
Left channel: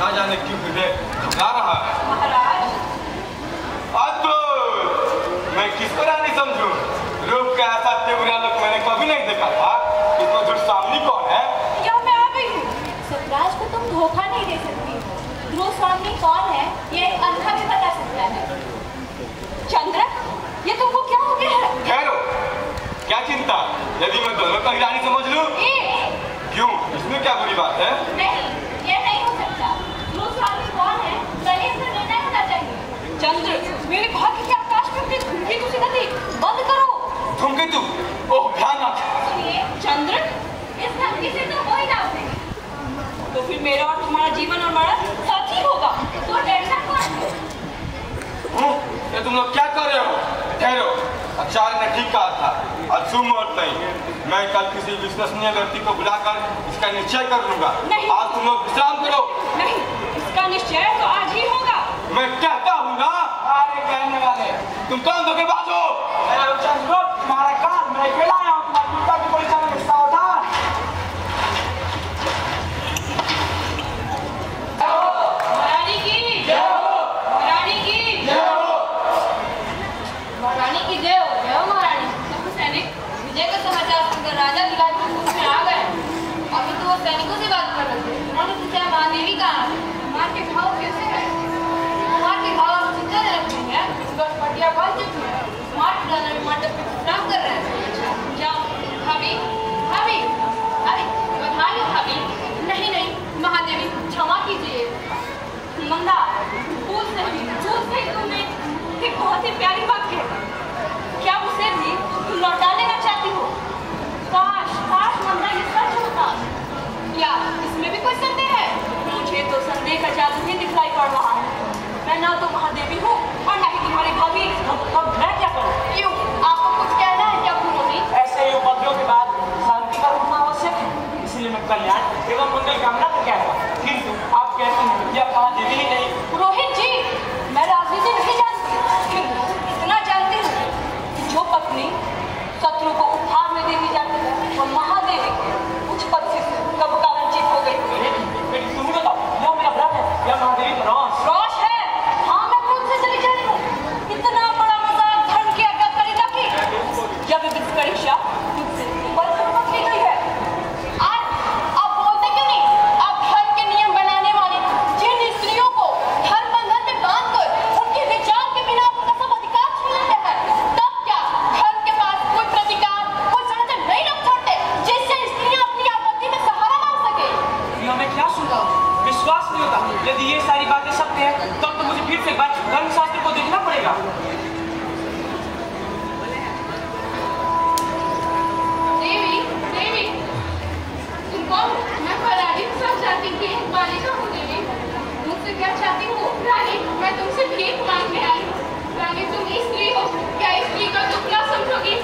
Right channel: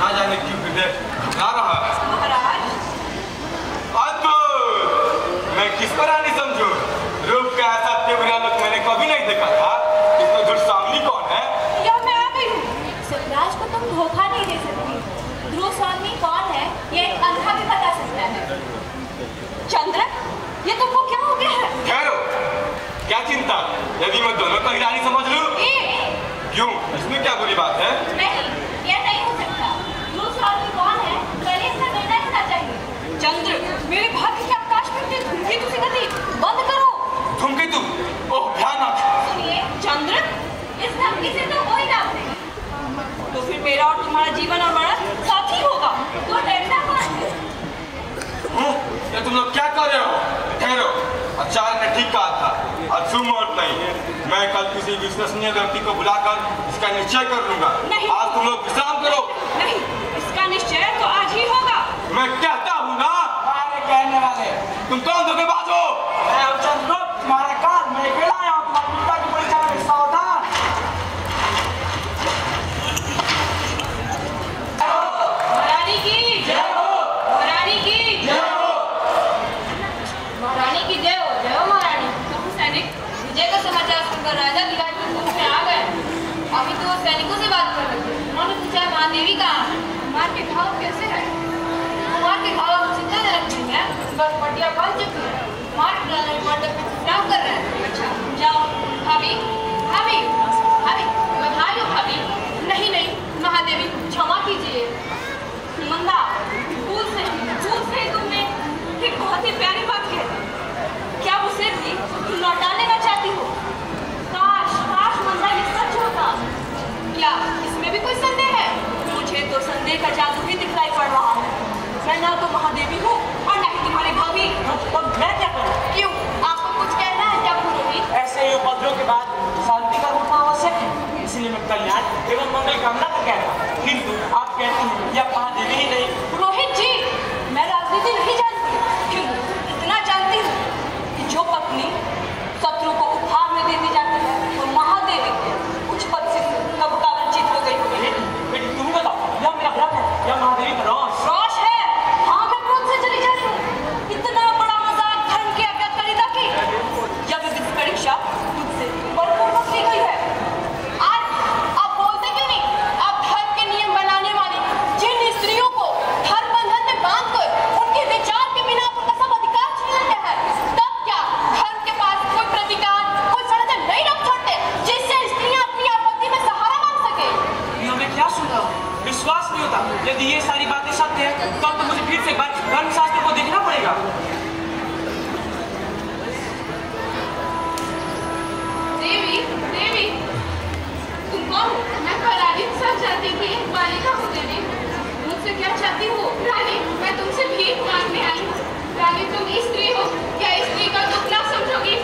ना जाने क्यों हृदय घबरा रहा है। महाराज, मैं किसको रानी समझू? रूप का ऐसा तेवरा लोग मैंने कभी नहीं देखा था। इतना दूर सामने कौन है? क्या मैं आ गई हूँ? स्वराज को तुम धोखा नहीं दे सकती। ध्रुव स्वामी कौन है ये अंधा भी बता सकता है। चंद्र, ये तुमको क्या हो गया है? ठहरो, क्या चिंता? यदि मैं दोनों को ही रानी समझ लूं? क्यों, इसमें क्या बुरी बात है? नहीं, ये नहीं हो सकता। ध्रुव स्वामी कौन है जरा इसका निर्णय होना चाहिए। चंद्र, मेरे भाग्य के आकाश में अपनी धुंधली तुसी गति बंद करो। धूमकेतु, ओह भयानक! सुनिए चंद्र, इस धमकी से तो कोई ना हो। तो फिर मेरा और तुम्हारा जीवन और मरण साथ ही होगा। तो डरना कौन है? ये तुम लोग क्या कर रहे हो? ठहरो, आचार्य ने ठीक कहा था, आज सुमुहूर्त नहीं। मैं कल किसी विश्वसनीय व्यक्ति को बुलाकर इसका निश्चय कर लूंगा। नहीं। आज तुम लोग विश्राम करो। नहीं, इसका निश्चय तो आज ही होगा। मैं कहता हूँ ना, आगे कहने वाले तुम कौन धोखेबाज हो? मैं चंद्र, तुम्हारा काल मैं अकेला आया हूँ तुम्हारे पिता की परीक्षा में सावधान। महारानी की जय हो। महारानी की जय हो। महारानी की जय हो। जय हो महारानी। सैनिक विजय का समाचार सुनकर राजा दुलार के मुख में आ गए। अभी तो सैनिकों से बात कर रहे थे। उन्होंने पूछा महादेवी कहाँ है? मार के घाव कैसे है? मार के घाव चिंताजनक नहीं है। बस पटिया बांध चुकी है। मार डालने मंडप पे विश्राम कर रहे हैं। अच्छा जाओ। भाभी भाभी भाभी बधाई हो भाभी। नहीं नहीं महादेवी क्षमा कीजिए। मंदा भूल से तुमने एक बहुत ही प्यारी बात कही। क्या उसे भी लौटा लेना चाहती हो? काश काश मंदा ये सच होता। क्या इसमें भी कोई संदेह है? मुझे तो संदेह का जादू ही दिखलाई पड़ रहा है। मैं ना तो महादेवी हूँ और ना ही तुम्हारी भाभी। तब मैं क्या करूँ? क्यों आपको कुछ कहना है क्या भूलोगी? ऐसे ही उपद्रव के बाद शांति का रूपना आवश्यक है। इसलिए मैं कल्याण एवं मंगल कामना का क्या था। किंतु आप कहते हैं यह महादेवी ही नहीं। रोहित जी, मैं राजनीति नहीं जानती। क्यों? इतना जानती हूँ कि जो पत्नी शत्रु को उपहार में दे दी जाती है वो महादेवी के उच्च पद से कब का वंचित हो गई। बेटी तुम बताओ, यह मेरा व्रत है या महादेवी का रोष? रोष है। हाँ, मैं क्रोध से चली जा रही हूँ। इतना बड़ा मजाक धर्म की आज्ञाकारिता की। जब विधि परीक्षा तुमसे बलपूर्वक की गई है। आप बोलते क्यों नहीं? आप धर्म के नियम बनाने वाले जिन स्त्रियों को धर्म बंधन में बांधकर उनके विचार के बिना अपना सब अधिकार छीन लेते हैं, तब क्या धर्म के पास कोई प्रतिकार कोई षड्यंत्र नहीं रख छोड़ते जिससे स्त्रियां अपनी आपत्ति में सहारा मांग सके? यह मैं क्या सुन रहा हूँ? विश्वास नहीं होता। यदि ये सारी बातें सत्य है तब तो मुझे फिर से धर्मशास्त्र को देखना पड़ेगा। देवी देवी तुम कौन? मैं प्रहलादी के साथ जाती थी। बालिका हूँ देवी। मुझसे क्या चाहती हो? रानी मैं तुमसे भीख मांगने आई हूँ। रानी तुम स्त्री हो, क्या स्त्री का दुख ना समझोगी?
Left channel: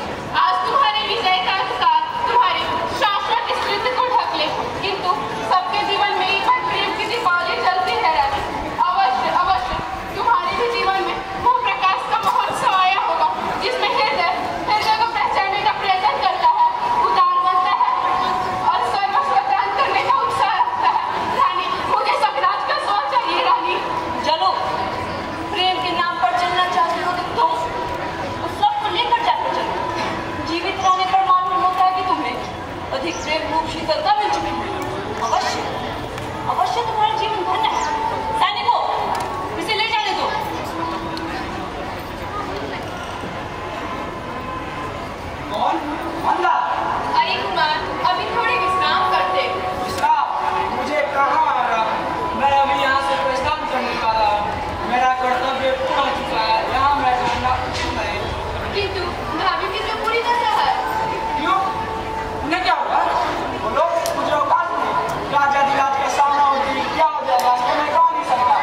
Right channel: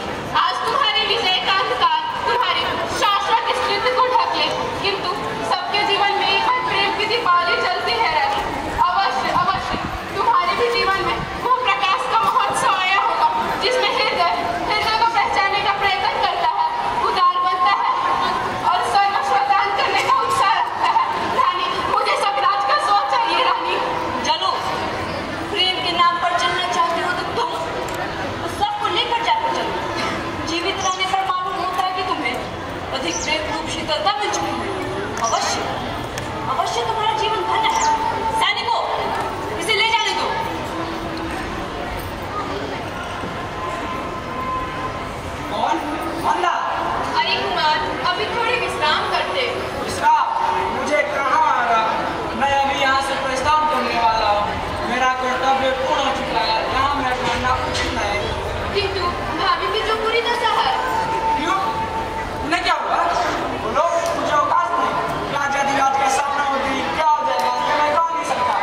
आज तुम्हारे विजय का अधिकार तुम्हारे शाश्वत स्मृति को ढक ले, किंतु सबके जीवन में एक बार प्रेम की दीपावली जलती है रानी। अवश्य अवश्य तुम्हारे भी जीवन में वो प्रकाश का महोत्सव आया होगा जिसमें हृदय को पहचानने का प्रयत्न करता है, उदार बनता है और सर्वस्वदान करने का उत्साह रखता है। रानी मुझे सबराज का स्व चाहिए रानी। चलो, प्रेम के नाम पर चलना चाहती हो तो तुम उस सबको लेकर जाकर चलो। जीवित रहने पर मालूम होता है कि तुम्हें अधिक प्रेम रूप शीतलता मिल चुकी है। अवश्य अवश्य तुम्हारा जीवन भरना है। सैनिकों, इसे ले जाने दो। कौन? मंदा। अरे कुमार अभी थोड़ी विश्राम करते। विश्राम? मुझे कहाँ आना? मैं अभी यहाँ से प्रस्थान करने वाला हूँ। मेरा कर्तव्य पूर्ण हो चुका है। यहाँ मैं करना कुछ नहीं। किंतु भाभी की तो पूरी दशा है। क्यों? उन्हें क्या हुआ? बोलो, मुझे अवकाश नहीं। राजा दिलाज का सामना होती क्या हो जाएगा? मैं कह नहीं सकता।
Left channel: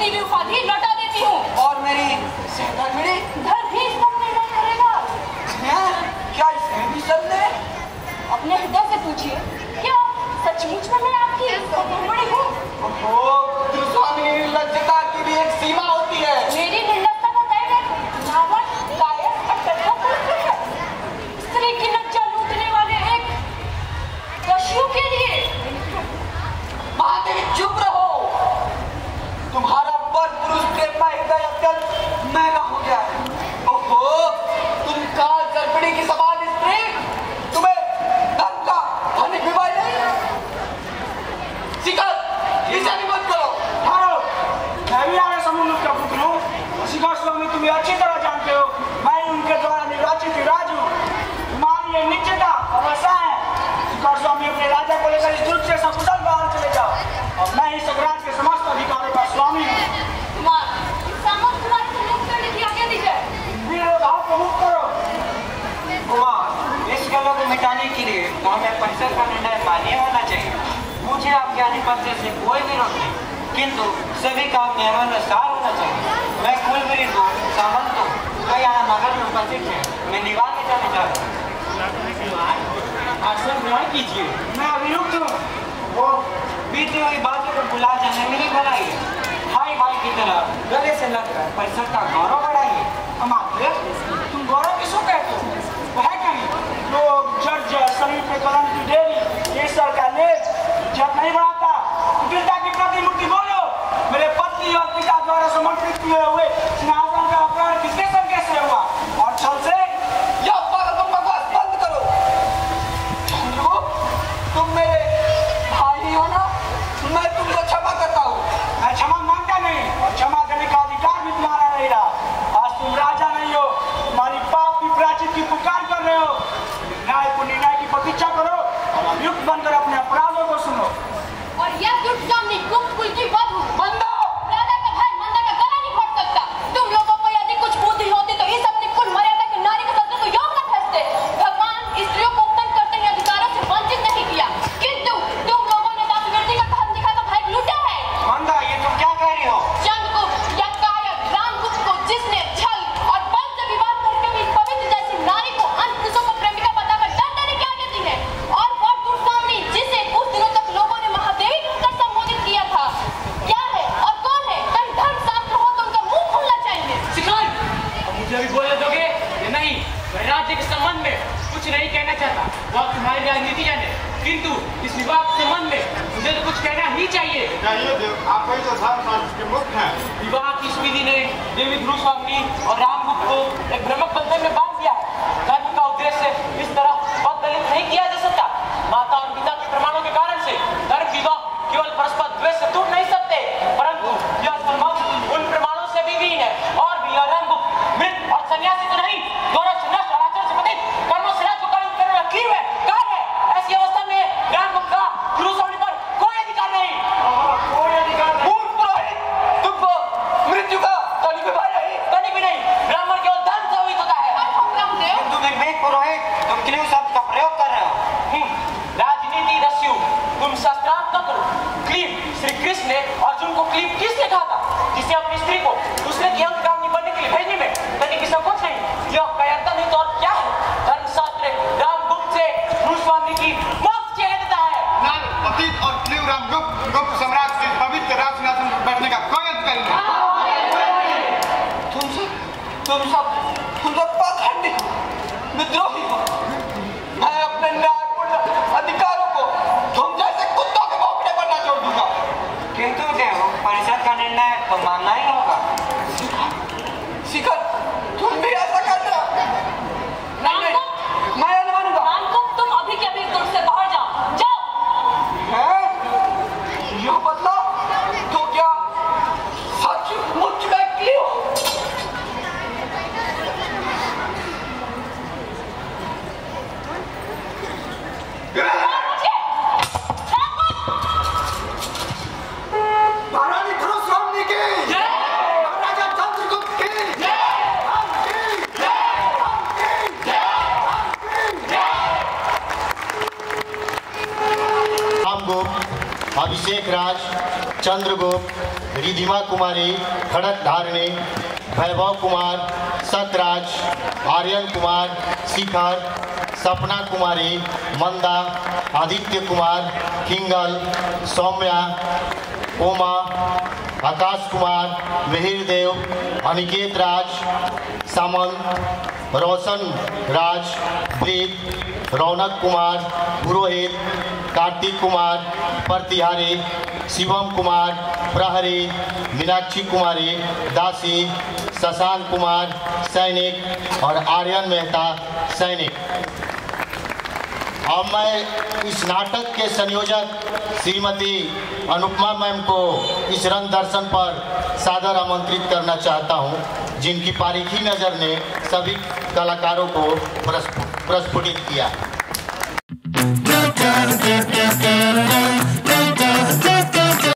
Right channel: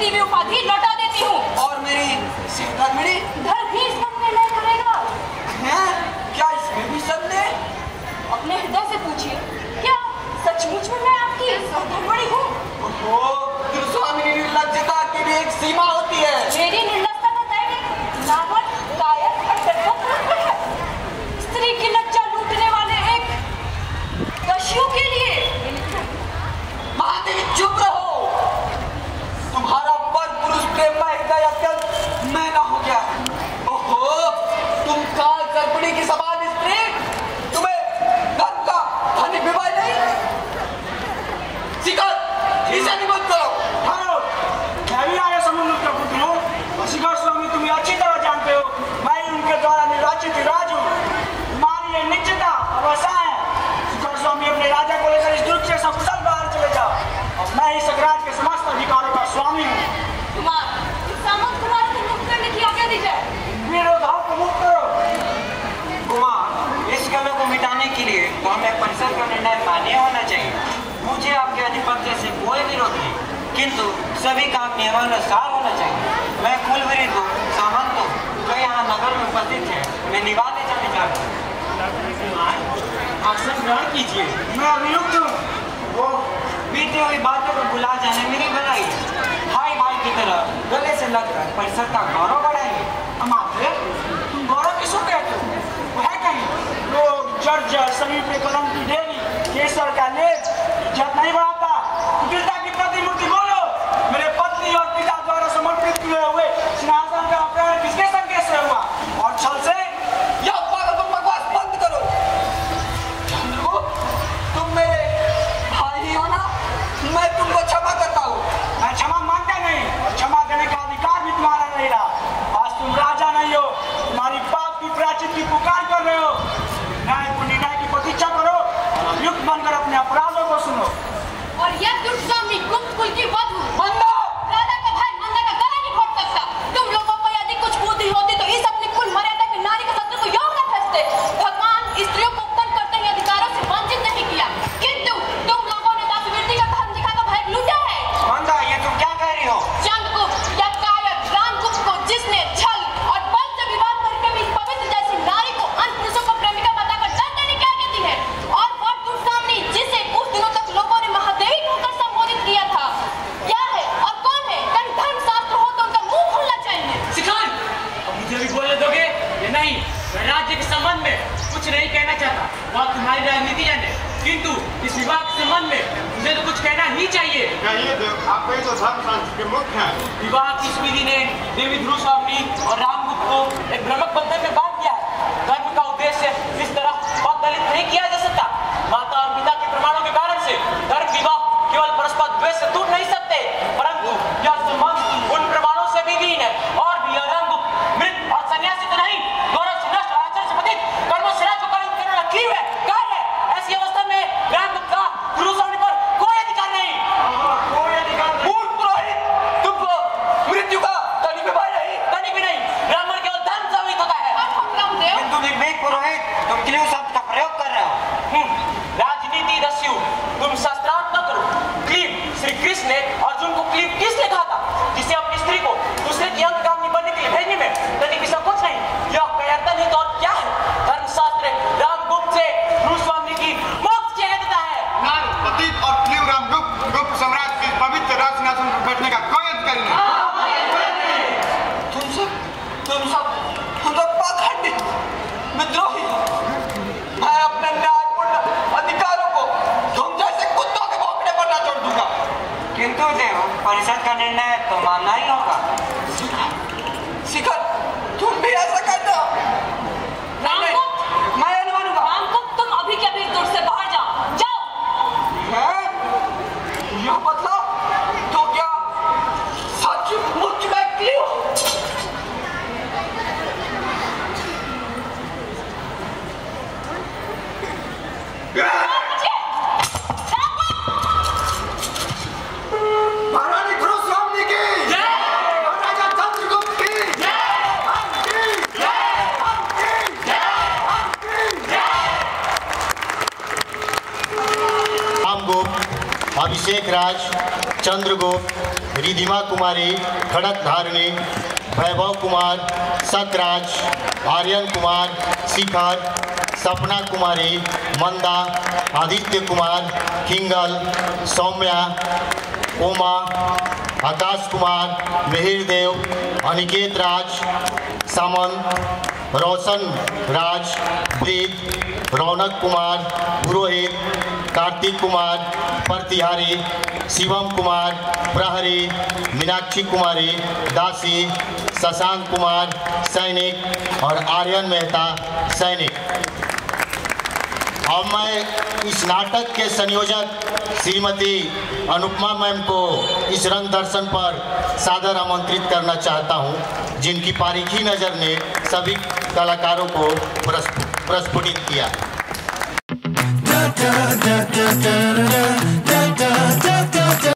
दी हुई उपाधि लौटा देती हूँ। और मेरी सहधर्मिणी धर्म भी इसका निर्णय करेगा। है क्या इसमें भी सबने? अपने हृदय से पूछिए, क्या सचमुच में मैं आपकी सहधर्मिणी हूँ? स्वामी निर्लज्जता की भी एक सीमा होती है। मेरी निर्लजता का दायरा नावल, कायर और डरपोक है। स्त्री की लज्जा लूटने वाले एक दस्यु के लिए। महादेवी चुप रहो। तुम्हारा पर पुरुष प्रेम में हृदय अत्यंत मैला हो गया। ओहो, तुम काल गर्भिणी की समान स्त्री, तुम्हें धन का धनी विवाह नहीं? शिखर, इसे भी मत करो। मैं भी आर्य समूह का पुत्र हूँ। शिखर स्वामी तुम्हें अच्छी तरह जानते हो, मैं उनके द्वारा निर्वाचित राज हूँ। तुम्हारी ये निश्चिता अवसा है। शिखर स्वामी अपने राजा को लेकर इस दुख से सकुशल बाहर चले जाओ, और मैं इस राज्य के समस्त अधिकारों का स्वामी हूँ। कुमार, सामंत कुमार को मुक्त करने की आज्ञा दी जाए। विरोधाओं को मुक्त करो। कुमार, इस कलह को मिटाने के लिए तो हमें परिषद का निर्णय मान्य होना चाहिए। मुझे आपके आधिपत्य से कोई विरोध नहीं, किंतु सभी काम नियमानुसार होना चाहिए। मैं कुल विरुद्ध हूँ, सामंत हूँ, जो यहाँ नगर में उपस्थित है, मैं निवास ले जाने जा रहा हूँ। आसन ग्रहण कीजिए। मैं अभियुक्त हूँ। वो बीती हुई बातों को भुला जाने मेरी भलाई है। भाई भाई की तरह गले से लगकर परिषद का गौरव बढ़ाएंगे। अमात्य, तुम गौरव किसको कहते हो? वह कहीं लोग जर्ज सभी पे कलम की ढेरी, ये सर का लेज जब नहीं बढ़ाता। कुटिलता की प्रतिमूर्ति बोलो। मेरे पत्नी और पिता द्वारा समर्पित हुए हुए सिंहासन का अपहरण किसके संकेत से हुआ? और छल से? यह पागलपन बकवास बंद करो। तुम मेरे भाई हो ना? मैं तुमको क्षमा करता हूँ। मैं क्षमा मांगता नहीं, और क्षमा करने का अधिकार भी तुम्हारा नहीं रहा। आज तुम राजा नहीं हो, तुम्हारी पाप की प्रायश्चित की पुकार कर रहे हो। न्याय की प्रतीक्षा करो और अभियुक्त बनकर अपने अपराधों को सुनो। और यह दुष्ट सामने गुप्त कुल की वधू मंदा! राजा का भाई मंदा का गला नहीं घोट सकता। तुम लोगों को यदि कुछ बुद्धि होती तो इस अपनी कुल मर्यादा के नारी के सत्य को योग न फंसते। भगवान स्त्रियों को उत्तम करते हुए अधिकारों से वंचित नहीं किया, किंतु तुम लोगों ने दासीवृत्ति का धन दिखाकर भय लूटा है। मंदा, ये तुम क्या कह रही हो? चंद्रगुप्त या कायक रामगुप्त को जिसने छल और बल से विवाह करके भी इस पवित्र जैसी नारी को अन्य पुरुषों को प्रेमिका बताकर दंड देने की आज्ञा दी है। और वह दुष्ट सामने जिसे कुछ दिनों तक लोगों ने महादेवी कहकर संबोधित किया था, क्या है और कौन है? कहीं धर्मशास्त्र हो तो उनका मुंह खुलना चाहिए। शिखर, अब मुझे भी बोलने दोगे या नहीं? मैं राज्य के संबंध में कुछ नहीं कहना चाहता, वह तुम्हारी राजनीति जाने, किंतु इस विवाह के संबंध में मुझे तो कुछ कहना ही चाहिए। आप कहीं तो धर्मशास्त्र के मुक्त हैं। विवाह की इस विधि ने देवी ध्रुव स्वामी और रामगुप्त को एक भ्रमक बंधन में बांध दिया। धर्म का उद्देश्य इस तरह अवदलित नहीं किया जा सकता। माता और पिता के प्रमाणों के कारण से धर्म विवाह केवल परस्पर द्वेष से टूट नहीं सकते, परंतु यह संबंध उन प्रमाणों से भी हीन है। और भी यह रामगुप्त मृत और सन्यासी तो नहीं, गौरव से नष्ट और आचरण से पतित, कर्मों से राज्य को करना की है कार्य है। ऐसी अवस्था में रामगुप्त का ध्रुव स्वामी पर कोई अधिकार नहीं। कोई अधिकार नहीं। मूर्ख पुरोहित, तुमको मृत्यु का तनी भी भय नहीं? कहीं भी नहीं, ब्राह्मण केवल धर्म से अवहित होता है। किंतु निर्भीक पुरोहित, तुम क्लीव शब्द का प्रयोग कर रहे हो। राजनीति रस्यु, तुम शास्त्रार्थ न करो। क्लीव, श्री कृष्ण ने अर्जुन को क्लीव किसने कहा था? जिसे अपनी स्त्री को दूसरे की अंत काम बनने के लिए भेजने में कभी भी संकोच नहीं। यह कयातन ही तो और क्या है? धर्मशास्त्र रामगुप्त से ध्रुव स्वामी की मोक्ष की देता है। प्रतीक और क्लीव रामगुप्त गुप्त साम्राज्य के पवित्र राजसिंहासन पर बैठने का कोई अधिकार नहीं। तुम सब पाखंडी विद्रोही हो। मैं अपने न्यायपूर्ण अधिकारों को तुम जैसे कुत्तों के भौंकने पर न छोड़ दूंगा। किंतु देव, परिषद का निर्णय तो मानना ही होगा। शिखर, तुम भी ऐसा करते हो? नहीं, मैं नहीं मानूंगा। रामगुप्त, तुम अभी के अभी दूर से बाहर जाओ। जाओ। हैं? यह बदला तो क्या सचमुच में क्लीव? महारानी ध्रुव स्वामी की, महाराजा चंद्रगुप्त की, चंद्रगुप्त, रिधिमा कुमारी खड़कधारिणी, वैभव कुमार सतराज, आर्यन कुमार शिखर, सपना कुमारी मंदा, आदित्य कुमार किंगल, सौम्या, उमा, आकाश कुमार, मिहिरदेव, अनिकेत राज, सामन, रोशन राज, प्रीत, रौनक कुमार पुरोहित, कार्तिक कुमार प्रतिहारी, शिवम कुमार प्रहरी, मीनाक्षी कुमारी दासी, शशांक कुमार सैनिक और आर्यन मेहता सैनिक। अब मैं इस नाटक के संयोजक श्रीमती अनुपमा मैम को इस रंग दर्शन पर सादर आमंत्रित करना चाहता हूं, जिनकी बारीकी नज़र ने सभी कलाकारों को प्रस्फुटित किया।